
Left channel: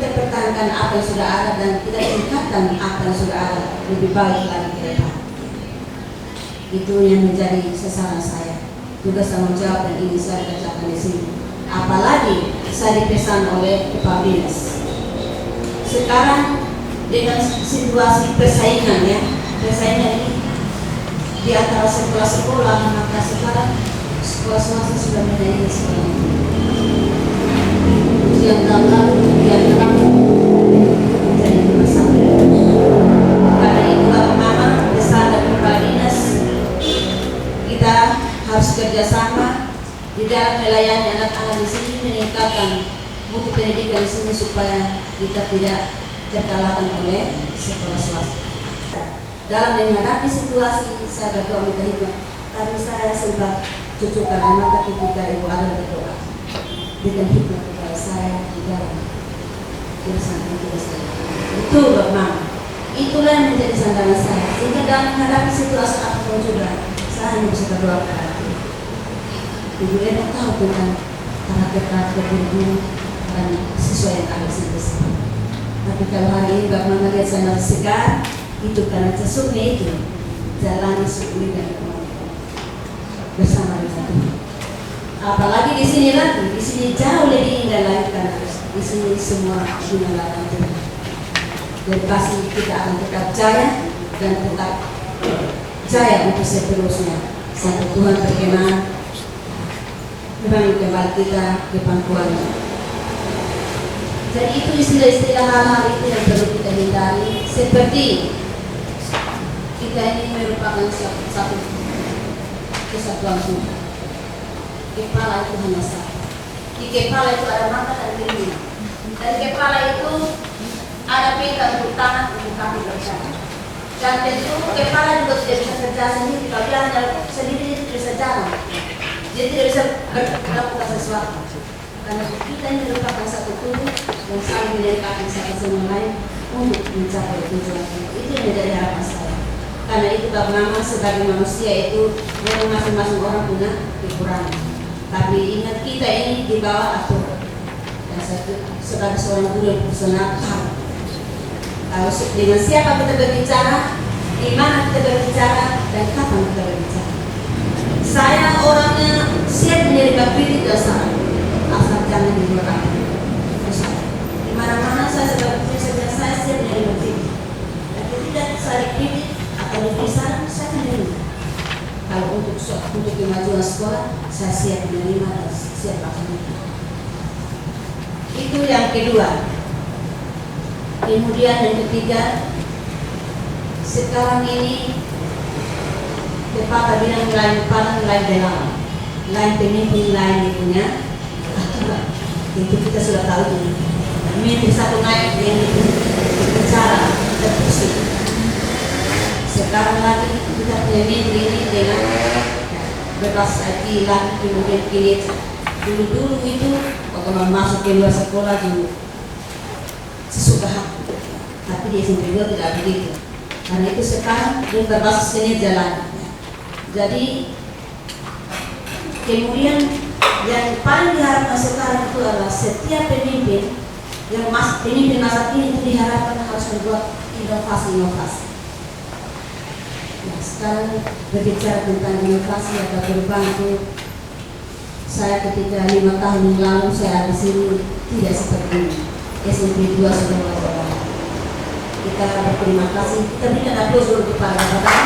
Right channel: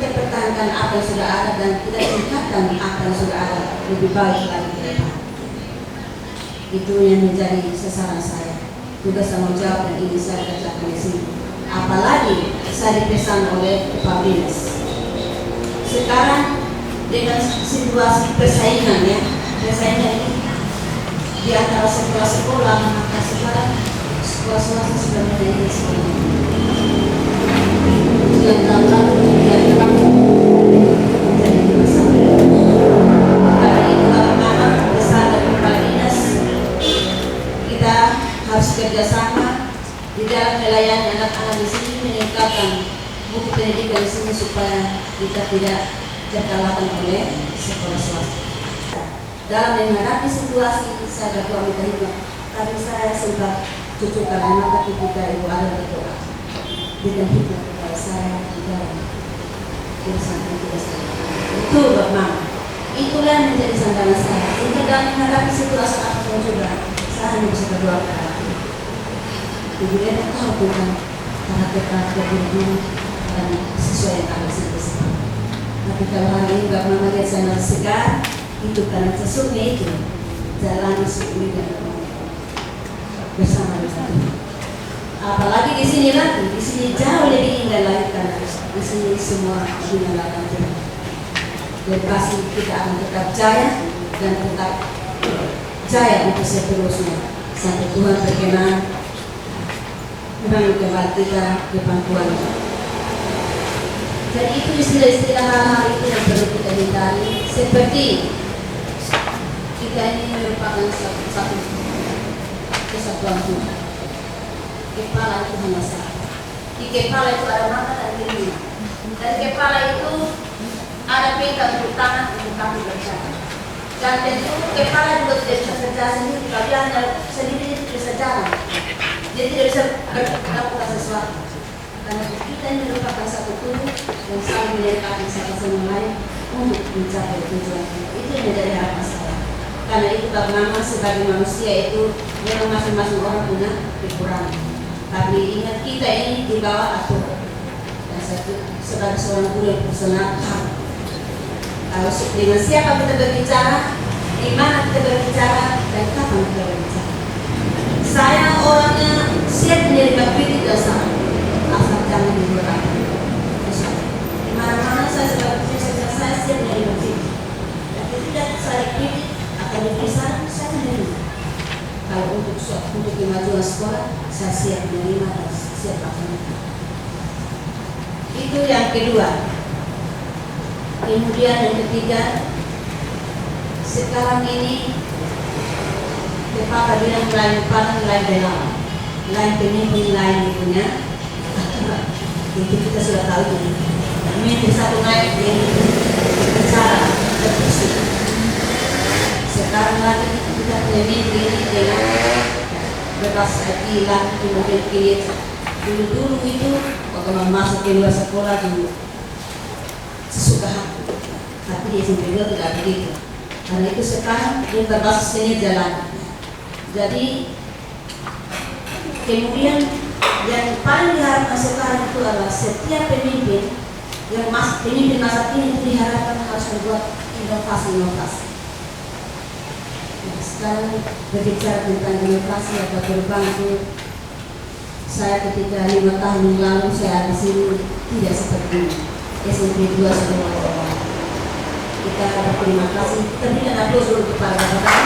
Kita pertahankan apa yang sudah ada dan kita tingkatkan apa yang sudah ada lebih baik lagi ke depan. Itu yang menjadi sasaran saya. Tugas tanggung jawab dan ini saya kerjakan di sini. Apalagi saya dipesan oleh Pak Dinas. Sekarang dengan situasi persaingan, ya, persaingan ini di antara sekolah-sekolah, maka sekarang sekolah swasta sudah menjadi sekolah yang dalam yang terang menjadi masalah. Karena itu Mama besar dari Pak Dinas, kita harus kerjasama di dalam melayani anak-anak di sini, meningkatkan mutu pendidikan di sini supaya kita tidak terkalahkan oleh sekolah swasta. Dalam menghadapi situasi saya berdoa minta hikmah, tapi saya sempat cucukan anak ketika ibu ada berdoa dengan hikmah kepada saya di dalam urusan itu saya. Itu Bapak, itulah yang menjadi sandaran saya. Sehingga dalam menghadapi situasi apapun juga, saya hanya bisa berdoa kepada Allah. Ibu Eda tahu tentang karakter guru dan sesuai yang ada di sini. Tapi kalau hari ini Bapak melihat saya masih segar, itu karena sesungguhnya itu jalani syukur dan bersama dengan Tuhan. Apalagi di sini lagi, di sini jauh lebih indah lagi karena di sini semua dinyalakan Tuhan. Dan pasti kita akan tetap jaya dan tetap jaya untuk seterusnya sampai Tuhan berkenan membangun kembali kita ke pangkuan. Jadi itu istilah-istilah hal-hal itu yang perlu kita hindari, seperti kita ini merupakan satu kesatuan Tuhan. Kepala itu hanya satu. Di kepala itu ada mata dan telinga. Dari kepala itu ada pita untuk tangan untuk kaki berjalan. Dan tentu kepala juga tidak bisa berjalan sendiri. Kalau dia hanya sendiri itu tidak bisa jalan. Dia tidak bisa melakukan sesuatu. Karena kita ini merupakan satu tubuh yang saling melengkapi satu sama lain untuk mencapai tujuan itu yang menjadi harapan saya. Karena itu bagaimana sebagai manusia itu memang masing-masing orang punya kekurangan. Tapi ingat kita ini di bawah aturan. Dan satu sebagai seorang guru yang personal kalau dengan siapa kita berbicara, di mana kita berbicara, dan kapan kita berbicara. Saya orangnya siap menerima kritik dan saran. Asal jangan dibuat di mana-mana saya sebagai pekerja saya siap menerima kritik. Dan ketika saya kritik atau diberi saran, saya menerima. Kalau untuk kemajuan sekolah, saya siap menerima dan siap laksanakan. Itu yang kedua. Kemudian yang ketiga, sekarang ini Bapak bilang lain paling lain dalam, lain pemimpin lain punya. Itu kita sudah tahu ini. Pemimpin satu naik yang bicara terpusing. Sekarang lagi kita punya pemimpin ini dengan berbasis IT lagi kemudian kini dulu itu waktu masuk ke luar sekolah dulu sesuka hati, tapi di SMP 2 tidak begitu. Karena itu sekarang dia berbasis seni jalan. Jadi kemudian yang paling diharapkan sekarang itu adalah setiap pemimpin yang pemimpin masa kini itu diharapkan harus membuat inovasi. Nah, sekarang berbicara tentang inovasi atau perubahan itu, saya ketika 5 tahun yang lalu saya di sini tidak seperti ini. SMP 2 sudah mulai. Kita berterima kasih. Kita berikan aplaus untuk para bapak.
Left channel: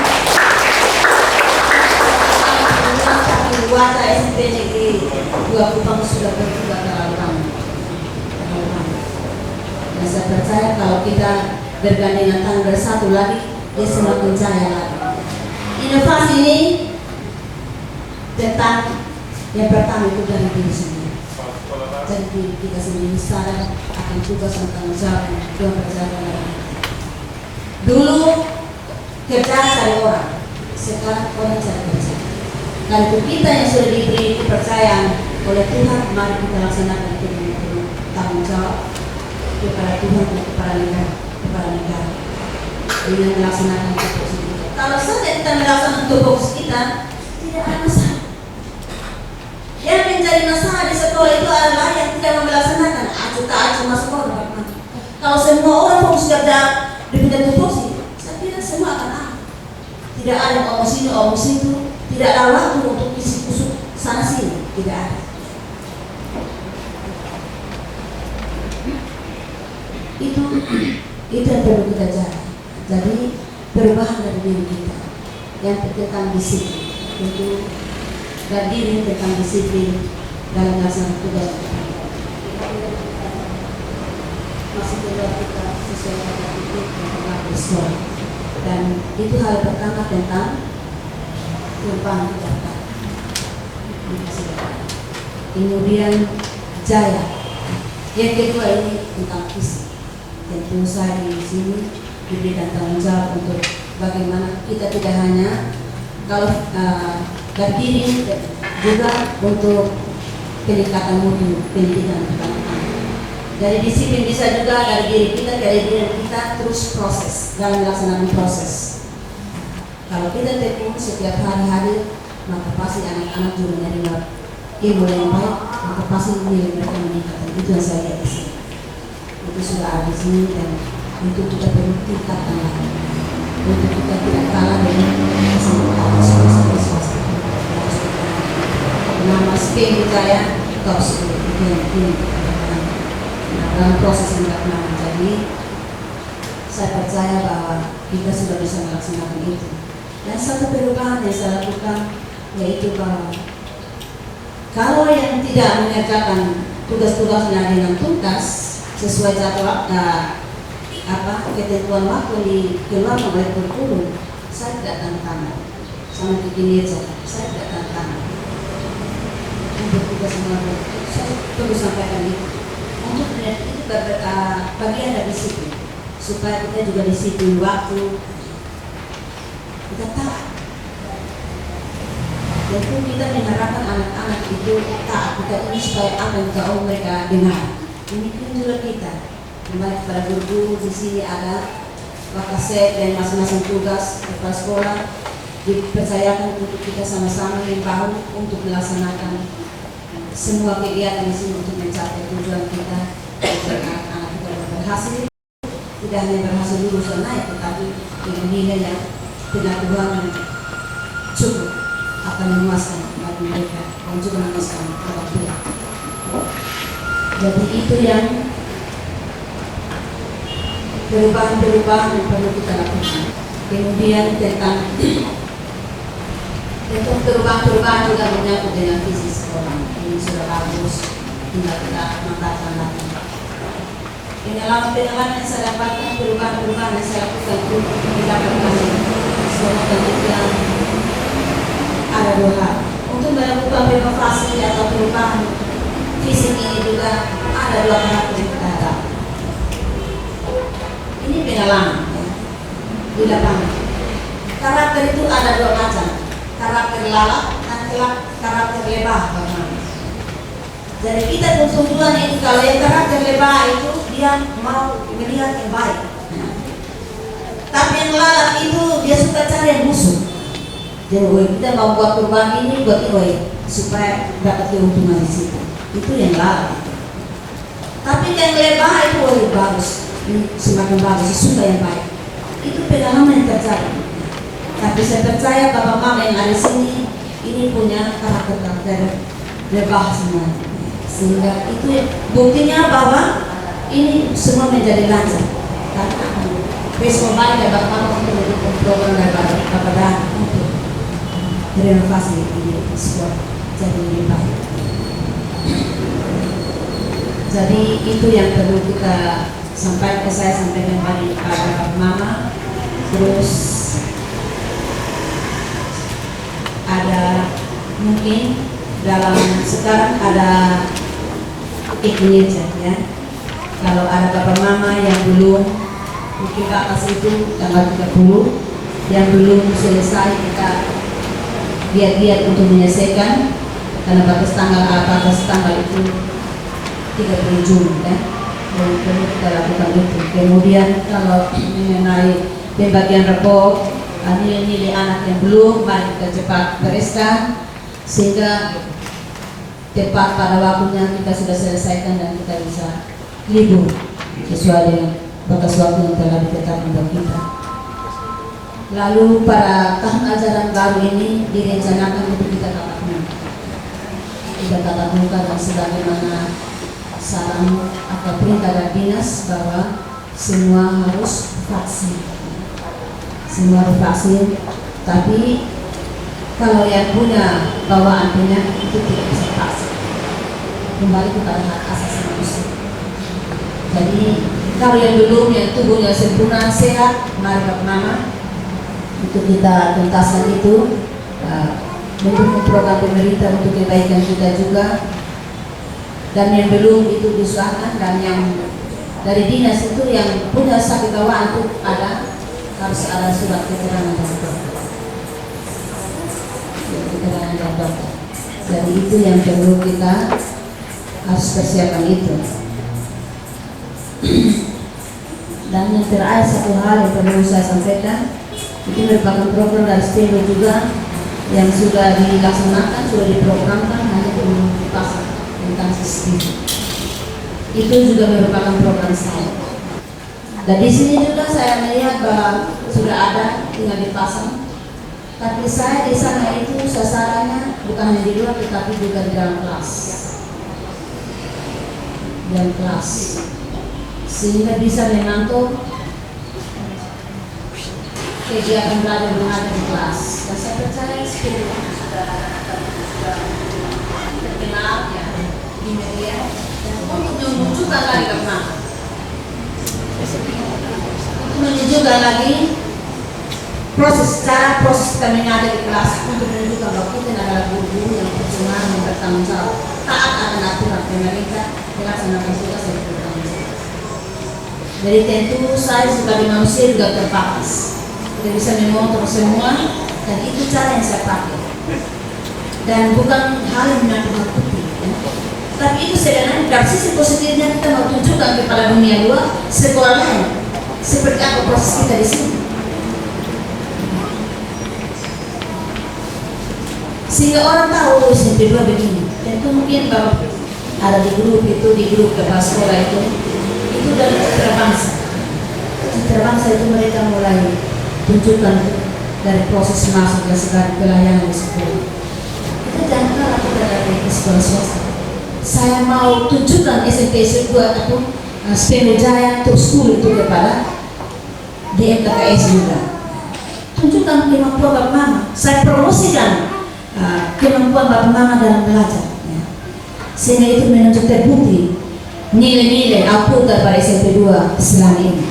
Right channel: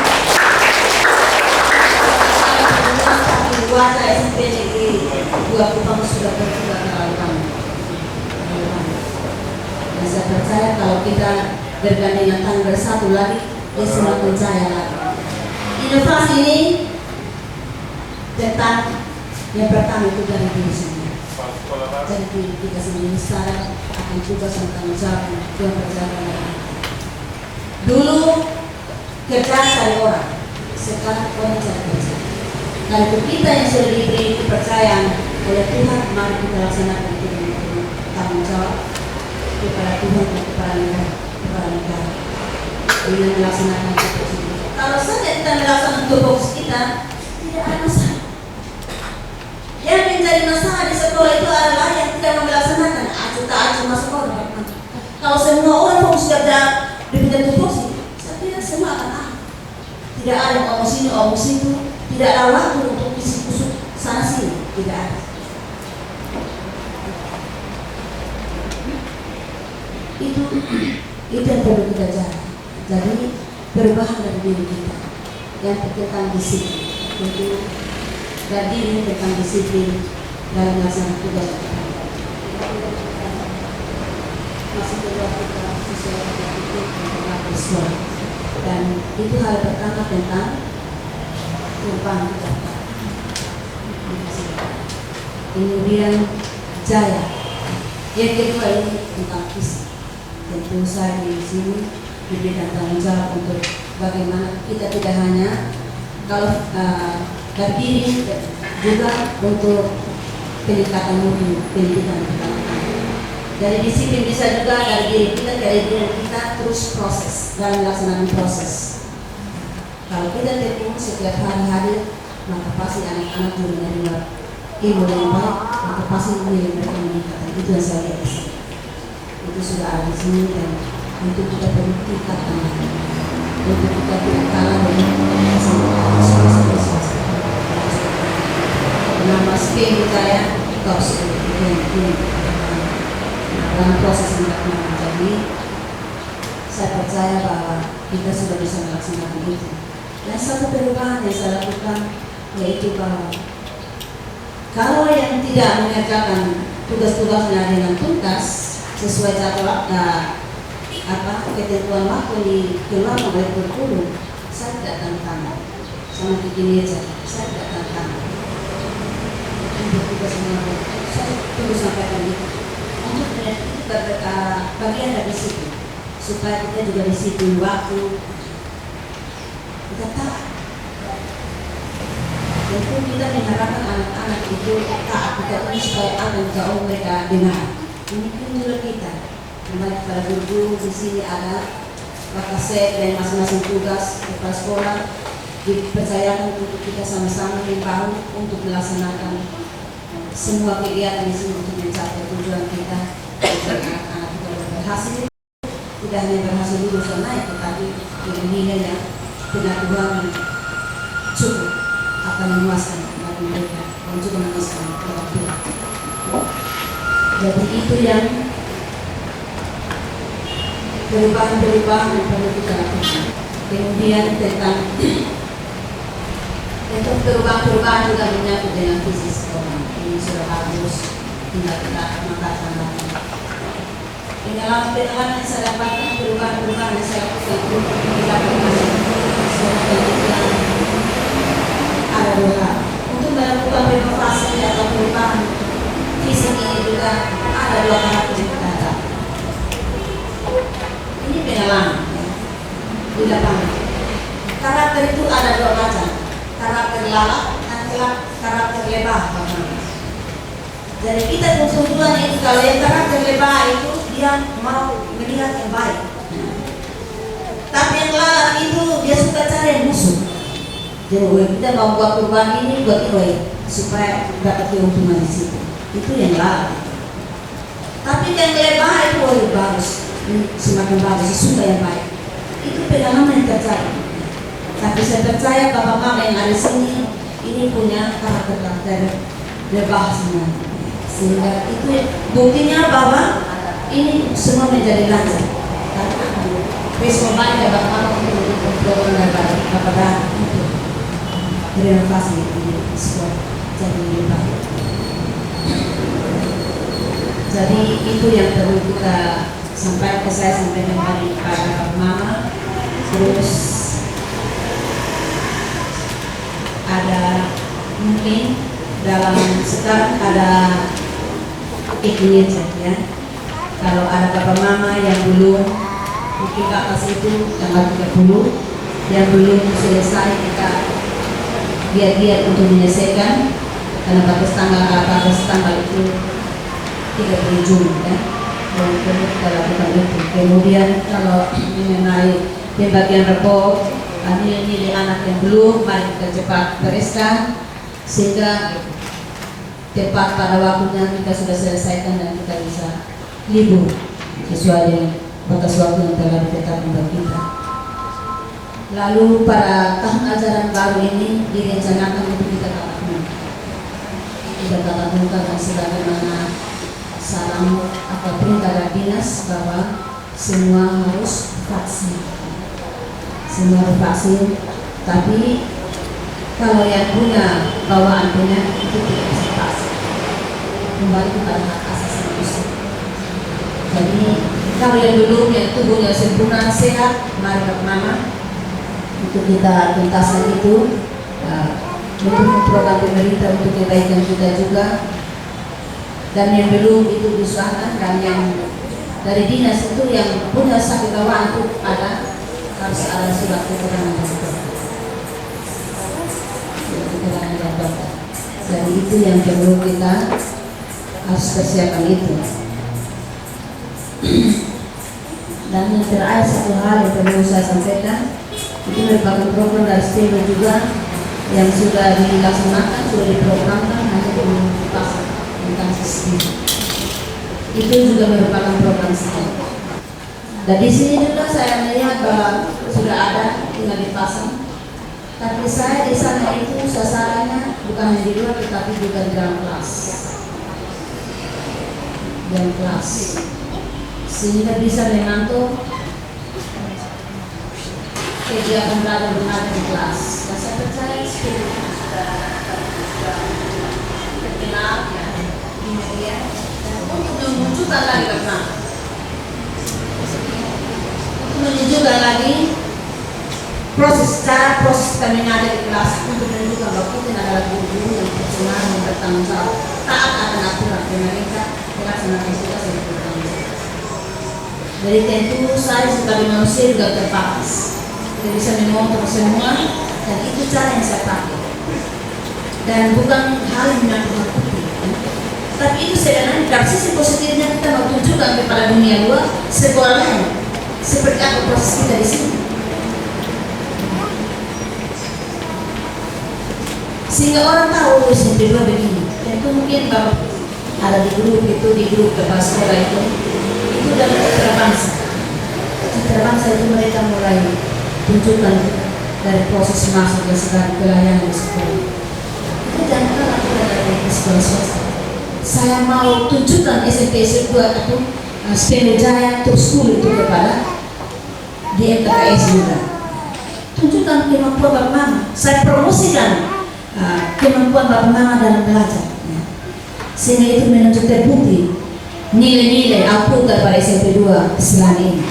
Tapi wajah SMP Negeri 2 Kupang sudah berubah terlalu lama. Dan saya percaya kalau kita bergandengan tangan bersatu lagi, dia semakin jaya lagi. Inovasi ini tentang yang pertama itu dari diri sendiri. Jadi kita sendiri sadar akan tugas dan tanggung jawab yang berjalan. Dulu kerja cari orang, sekarang orang cari kerja. Dan untuk kita yang sudah diberi kepercayaan oleh Tuhan, mari kita laksanakan itu dengan tanggung jawab kepada Tuhan dan kepada negara. Dengan melaksanakan tugas kita. Kalau saja kita melaksanakan tugas kita, tidak ada masalah. Yang menjadi masalah di sekolah itu adalah yang tidak melaksanakan acuh masuk sekolah. Kalau semua orang fokus kerja diberikan tupoksi, saya kira semua akan tidak ada yang omong sini, omong situ, tidak ada waktu untuk isi kusuk sana sini, tidak ada. Itu yang perlu kita jaga. Jadi perubahan dari diri kita yang tentang disiplin itu. Dan diri tentang disiplin dalam melaksanakan tugas masih keluar kita sesuai dengan itu tentang bersekolah. Dan itu hal pertama tentang perubahan kita. Kemudian jaya. Yang kedua ini tentang visi. Tentu saya di sini diberikan tanggung jawab untuk bagaimana kita tidak hanya kalau dari diri juga untuk peningkatan mutu pendidikan kita. Dari disiplin bisa juga dari diri kita terus proses dalam melaksanakan proses. Kalau kita tekun setiap hari-hari, maka pasti anak-anak juga menerima ilmu yang baik, maka pasti nilai mereka meningkat. Itu yang saya lihat di sini. Itu sudah ada di sini dan untuk kita perlu tingkatkan lagi. Untuk kita tidak kalah dengan nama SPM saya top ini dalam proses pendampingan. Jadi saya percaya bahwa kita sudah bisa melaksanakan itu. Dan satu perubahan yang saya lakukan yaitu bahwa kalau yang tidak mengerjakan tugas-tugasnya dengan tuntas sesuai jadwal ketentuan waktu di keluar oleh berkurung, saya tidak tanda tangan sama begini aja, saya tidak tanda tangan. Untuk tugas Saya perlu sampaikan itu. Untuk itu bagian dari situ, supaya kita juga di situ waktu kita taat. Tentu kita mengharapkan anak-anak itu taat kita ini supaya apa yang jauh mereka dengar. Ini pun juga kita kembali kepada guru di sini ada wakasek dan masing-masing tugas kepala sekolah dipercayakan untuk kita sama-sama membahu untuk melaksanakan semua kegiatan di sini untuk mencapai tujuan kita agar anak-anak kita berhasil, tidak hanya berhasil lulusan naik tetapi dengan nilai yang pengetahuan cukup akan memuaskan bagi mereka dan juga memuaskan orang tua. Jadi itu yang perubahan-perubahan yang perlu kita lakukan. Kemudian tentang perubahan-perubahan juga menyangkut dengan visi sekolah. Ini sudah bagus, tinggal kita mengatakan lagi. Pengalaman yang saya dapatkan, perubahan-perubahan yang saya lakukan itu mendapatkan suatu penelitian ada dua hal. Untuk melakukan renovasi atau perubahan fisik ini juga ada dua hal yang kita dapat. Ini pengalaman ya, di lapangan. Karakter itu ada dua macam, karakter lalat dan karakter lebah. Jadi kita tujuan itu kalau yang karakter lebah itu dia mau melihat yang baik. Tapi yang lalat itu dia suka cari yang musuh. Jadi kita mau buat perubahan ini buat ini supaya dapat keuntungan di situ. Itu yang lalat. Tapi yang lebah itu bagus, semakin bagus, suka yang baik. Itu pengalaman yang terjadi. Tapi saya percaya bapak mama yang ada di sini ini punya karakter lebah semua. Sehingga itu buktinya bahwa ini semua menjadi lancar. Karena besok banyak bapak mama untuk mendukung program dari bapak dan untuk renovasi di sekolah jadi lebih baik. Jadi itu yang perlu kita sampaikan, saya sampaikan kepada mama. Terus ada mungkin dalam sekarang ada iklimnya ya. Kalau ada bapak mama yang belum mungkin ke atas itu tanggal 30 yang belum selesai kita giat-giat untuk menyelesaikan karena batas tanggal itu 30 Juni ya. Dan perlu kita lakukan itu. Kemudian kalau mengenai pembagian rapor nilai-nilai anak yang belum, mari kita cepat bereskan sehingga tepat pada waktunya kita sudah selesaikan dan kita bisa libur sesuai dengan batas waktu yang telah ditetapkan bagi kita. Lalu pada tahun ajaran baru ini direncanakan untuk kita tatap muka. Kita tatap muka dan sebagaimana saran atau perintah dari dinas bahwa semua harus vaksin. Semua harus vaksin, tapi kalau yang punya bawaan penyakit itu tidak bisa vaksin. Kembali kepada hak asasi manusia. Jadi kalau yang belum, yang tubuhnya sempurna sehat, mari bersama untuk kita tuntaskan itu, mendukung program pemerintah untuk kebaikan kita juga. Dan yang belum itu diusahakan, dan yang dari dinas itu yang punya sakit bawaan itu harus ada surat keterangan dari dokter. Keterangan dari dokter. Jadi itu yang perlu kita harus persiapkan itu. Dan yang terakhir satu hal yang perlu saya sampaikan, itu merupakan program dari STEMO juga yang sudah dilaksanakan, sudah diprogramkan, hanya belum dipasang tentang sistem. Itu juga merupakan program saya. Dan di sini juga saya melihat bahwa sudah ada tinggal dipasang. Tapi saya di sana itu sasarannya bukan hanya di luar, tetapi juga di dalam kelas. Dalam kelas, sehingga bisa memantau kegiatan belajar mengajar di kelas. Dan saya percaya seperti itu sudah terkenal ya di media. Untuk menunjukkan lagi karena untuk menunjukkan lagi proses kami ada di kelas untuk menunjukkan bahwa kita adalah guru-guru yang profesional yang bertanggung jawab, taat akan aturan pemerintah, melaksanakan tugas yang bertanggung jawab. Jadi tentu saya sebagai manusia juga terbatas, tidak bisa mengontrol semua, dan itu cara yang saya pakai. Dan bukan hal yang menakut-nakuti, ya. Tapi itu sebenarnya dari sisi positifnya kita mau tunjukkan kepada dunia luar sekolah lain seperti apa proses kita di sini. Sehingga orang tahu SMP 2 begini. Tentu mungkin kalau ada di grup kepala sekolah itu dari citra bangsa. Citra bangsa itu mereka mulai tunjukkan dari proses masuk ke sekolah pelayanan di sekolah. Kita jangan kalah kita dari sekolah swasta. Saya mau tunjukkan SMP 2 atau Speno Jaya untuk school itu kepada di MTKS juga. Tunjukkan kemampuan Bapak Mama. Saya promosikan kemampuan Bapak Mama dalam belajar, ya. Sehingga itu menunjuk terbukti nilai-nilai output pada SMP 2 selama ini.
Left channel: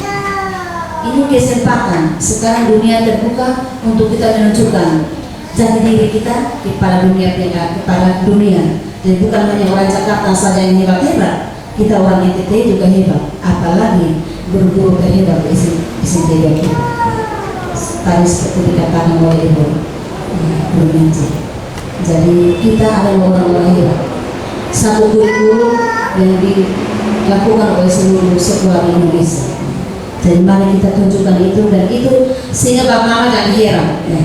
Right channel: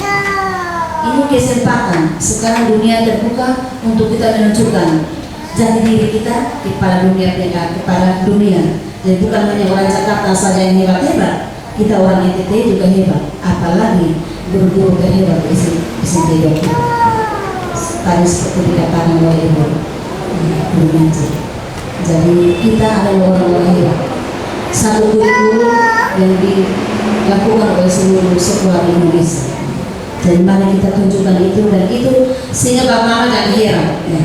Ini kesempatan sekarang dunia terbuka untuk kita menunjukkan jati diri kita kepada dunia. Jadi bukan hanya orang Jakarta saja yang hebat-hebat, kita orang NTT juga hebat, apalagi guru-guru terhebat di SMP 2 kita. Tadi seperti dikatakan oleh Ibu Nanti. Jadi kita adalah orang-orang hebat. Satu kurikulum yang dilakukan oleh seluruh sekolah di Indonesia. Jadi mari kita tunjukkan itu, dan itu sehingga Bapak Mama jangan heran. Ya.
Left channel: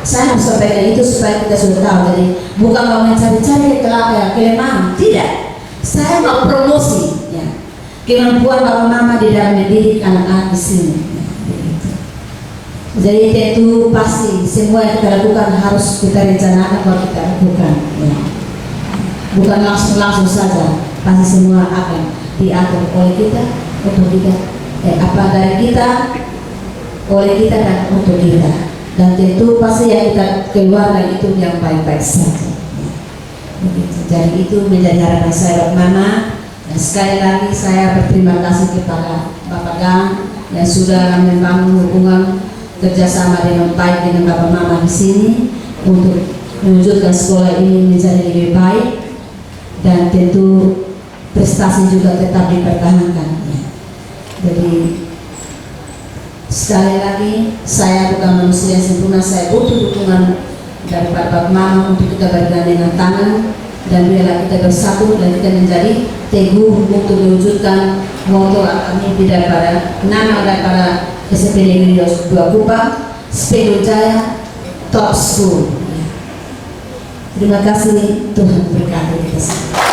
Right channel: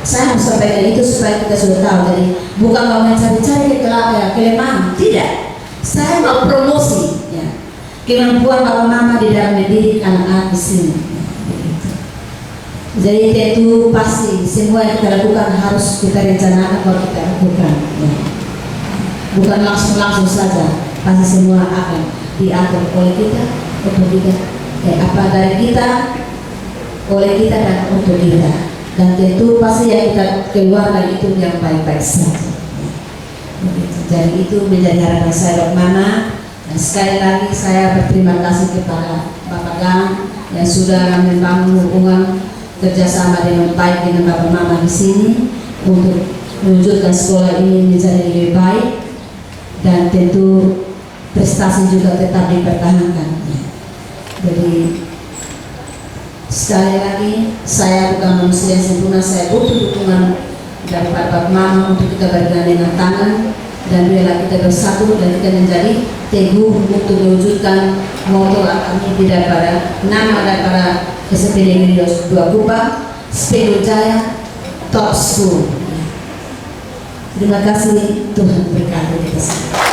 Saya harus sampaikan itu supaya kita sudah tahu. Jadi bukan mau mencari-cari kelemahan, tidak. Saya mau promosi, ya, kemampuan Bapak Mama di dalam mendidik anak-anak di sini. Jadi tentu pasti semua yang kita lakukan harus kita rencanakan kalau kita lakukan, ya. Bukan langsung saja, pasti semua akan diatur oleh kita, untuk kita, apa dari kita, oleh kita dan untuk kita. Dan tentu pasti yang kita keluarkan itu yang baik-baik saja. Jadi itu menjadi harapan saya Bapak Mama. Dan sekali lagi saya berterima kasih kepada Bapak Gang yang sudah membangun hubungan kerjasama dengan baik dengan Bapak Mama di sini untuk mewujudkan sekolah ini menjadi lebih baik, dan tentu prestasi juga tetap dipertahankan. Jadi sekali lagi saya bukan manusia yang sempurna, saya butuh dukungan dari Bapak Mama untuk kita bergandengan tangan dan biarlah kita bersatu dan kita menjadi teguh untuk mewujudkan moto kami daripada nama daripada SMP Negeri 2 Kupang, Speno Jaya Top School. Terima kasih, Tuhan berkati kita semua.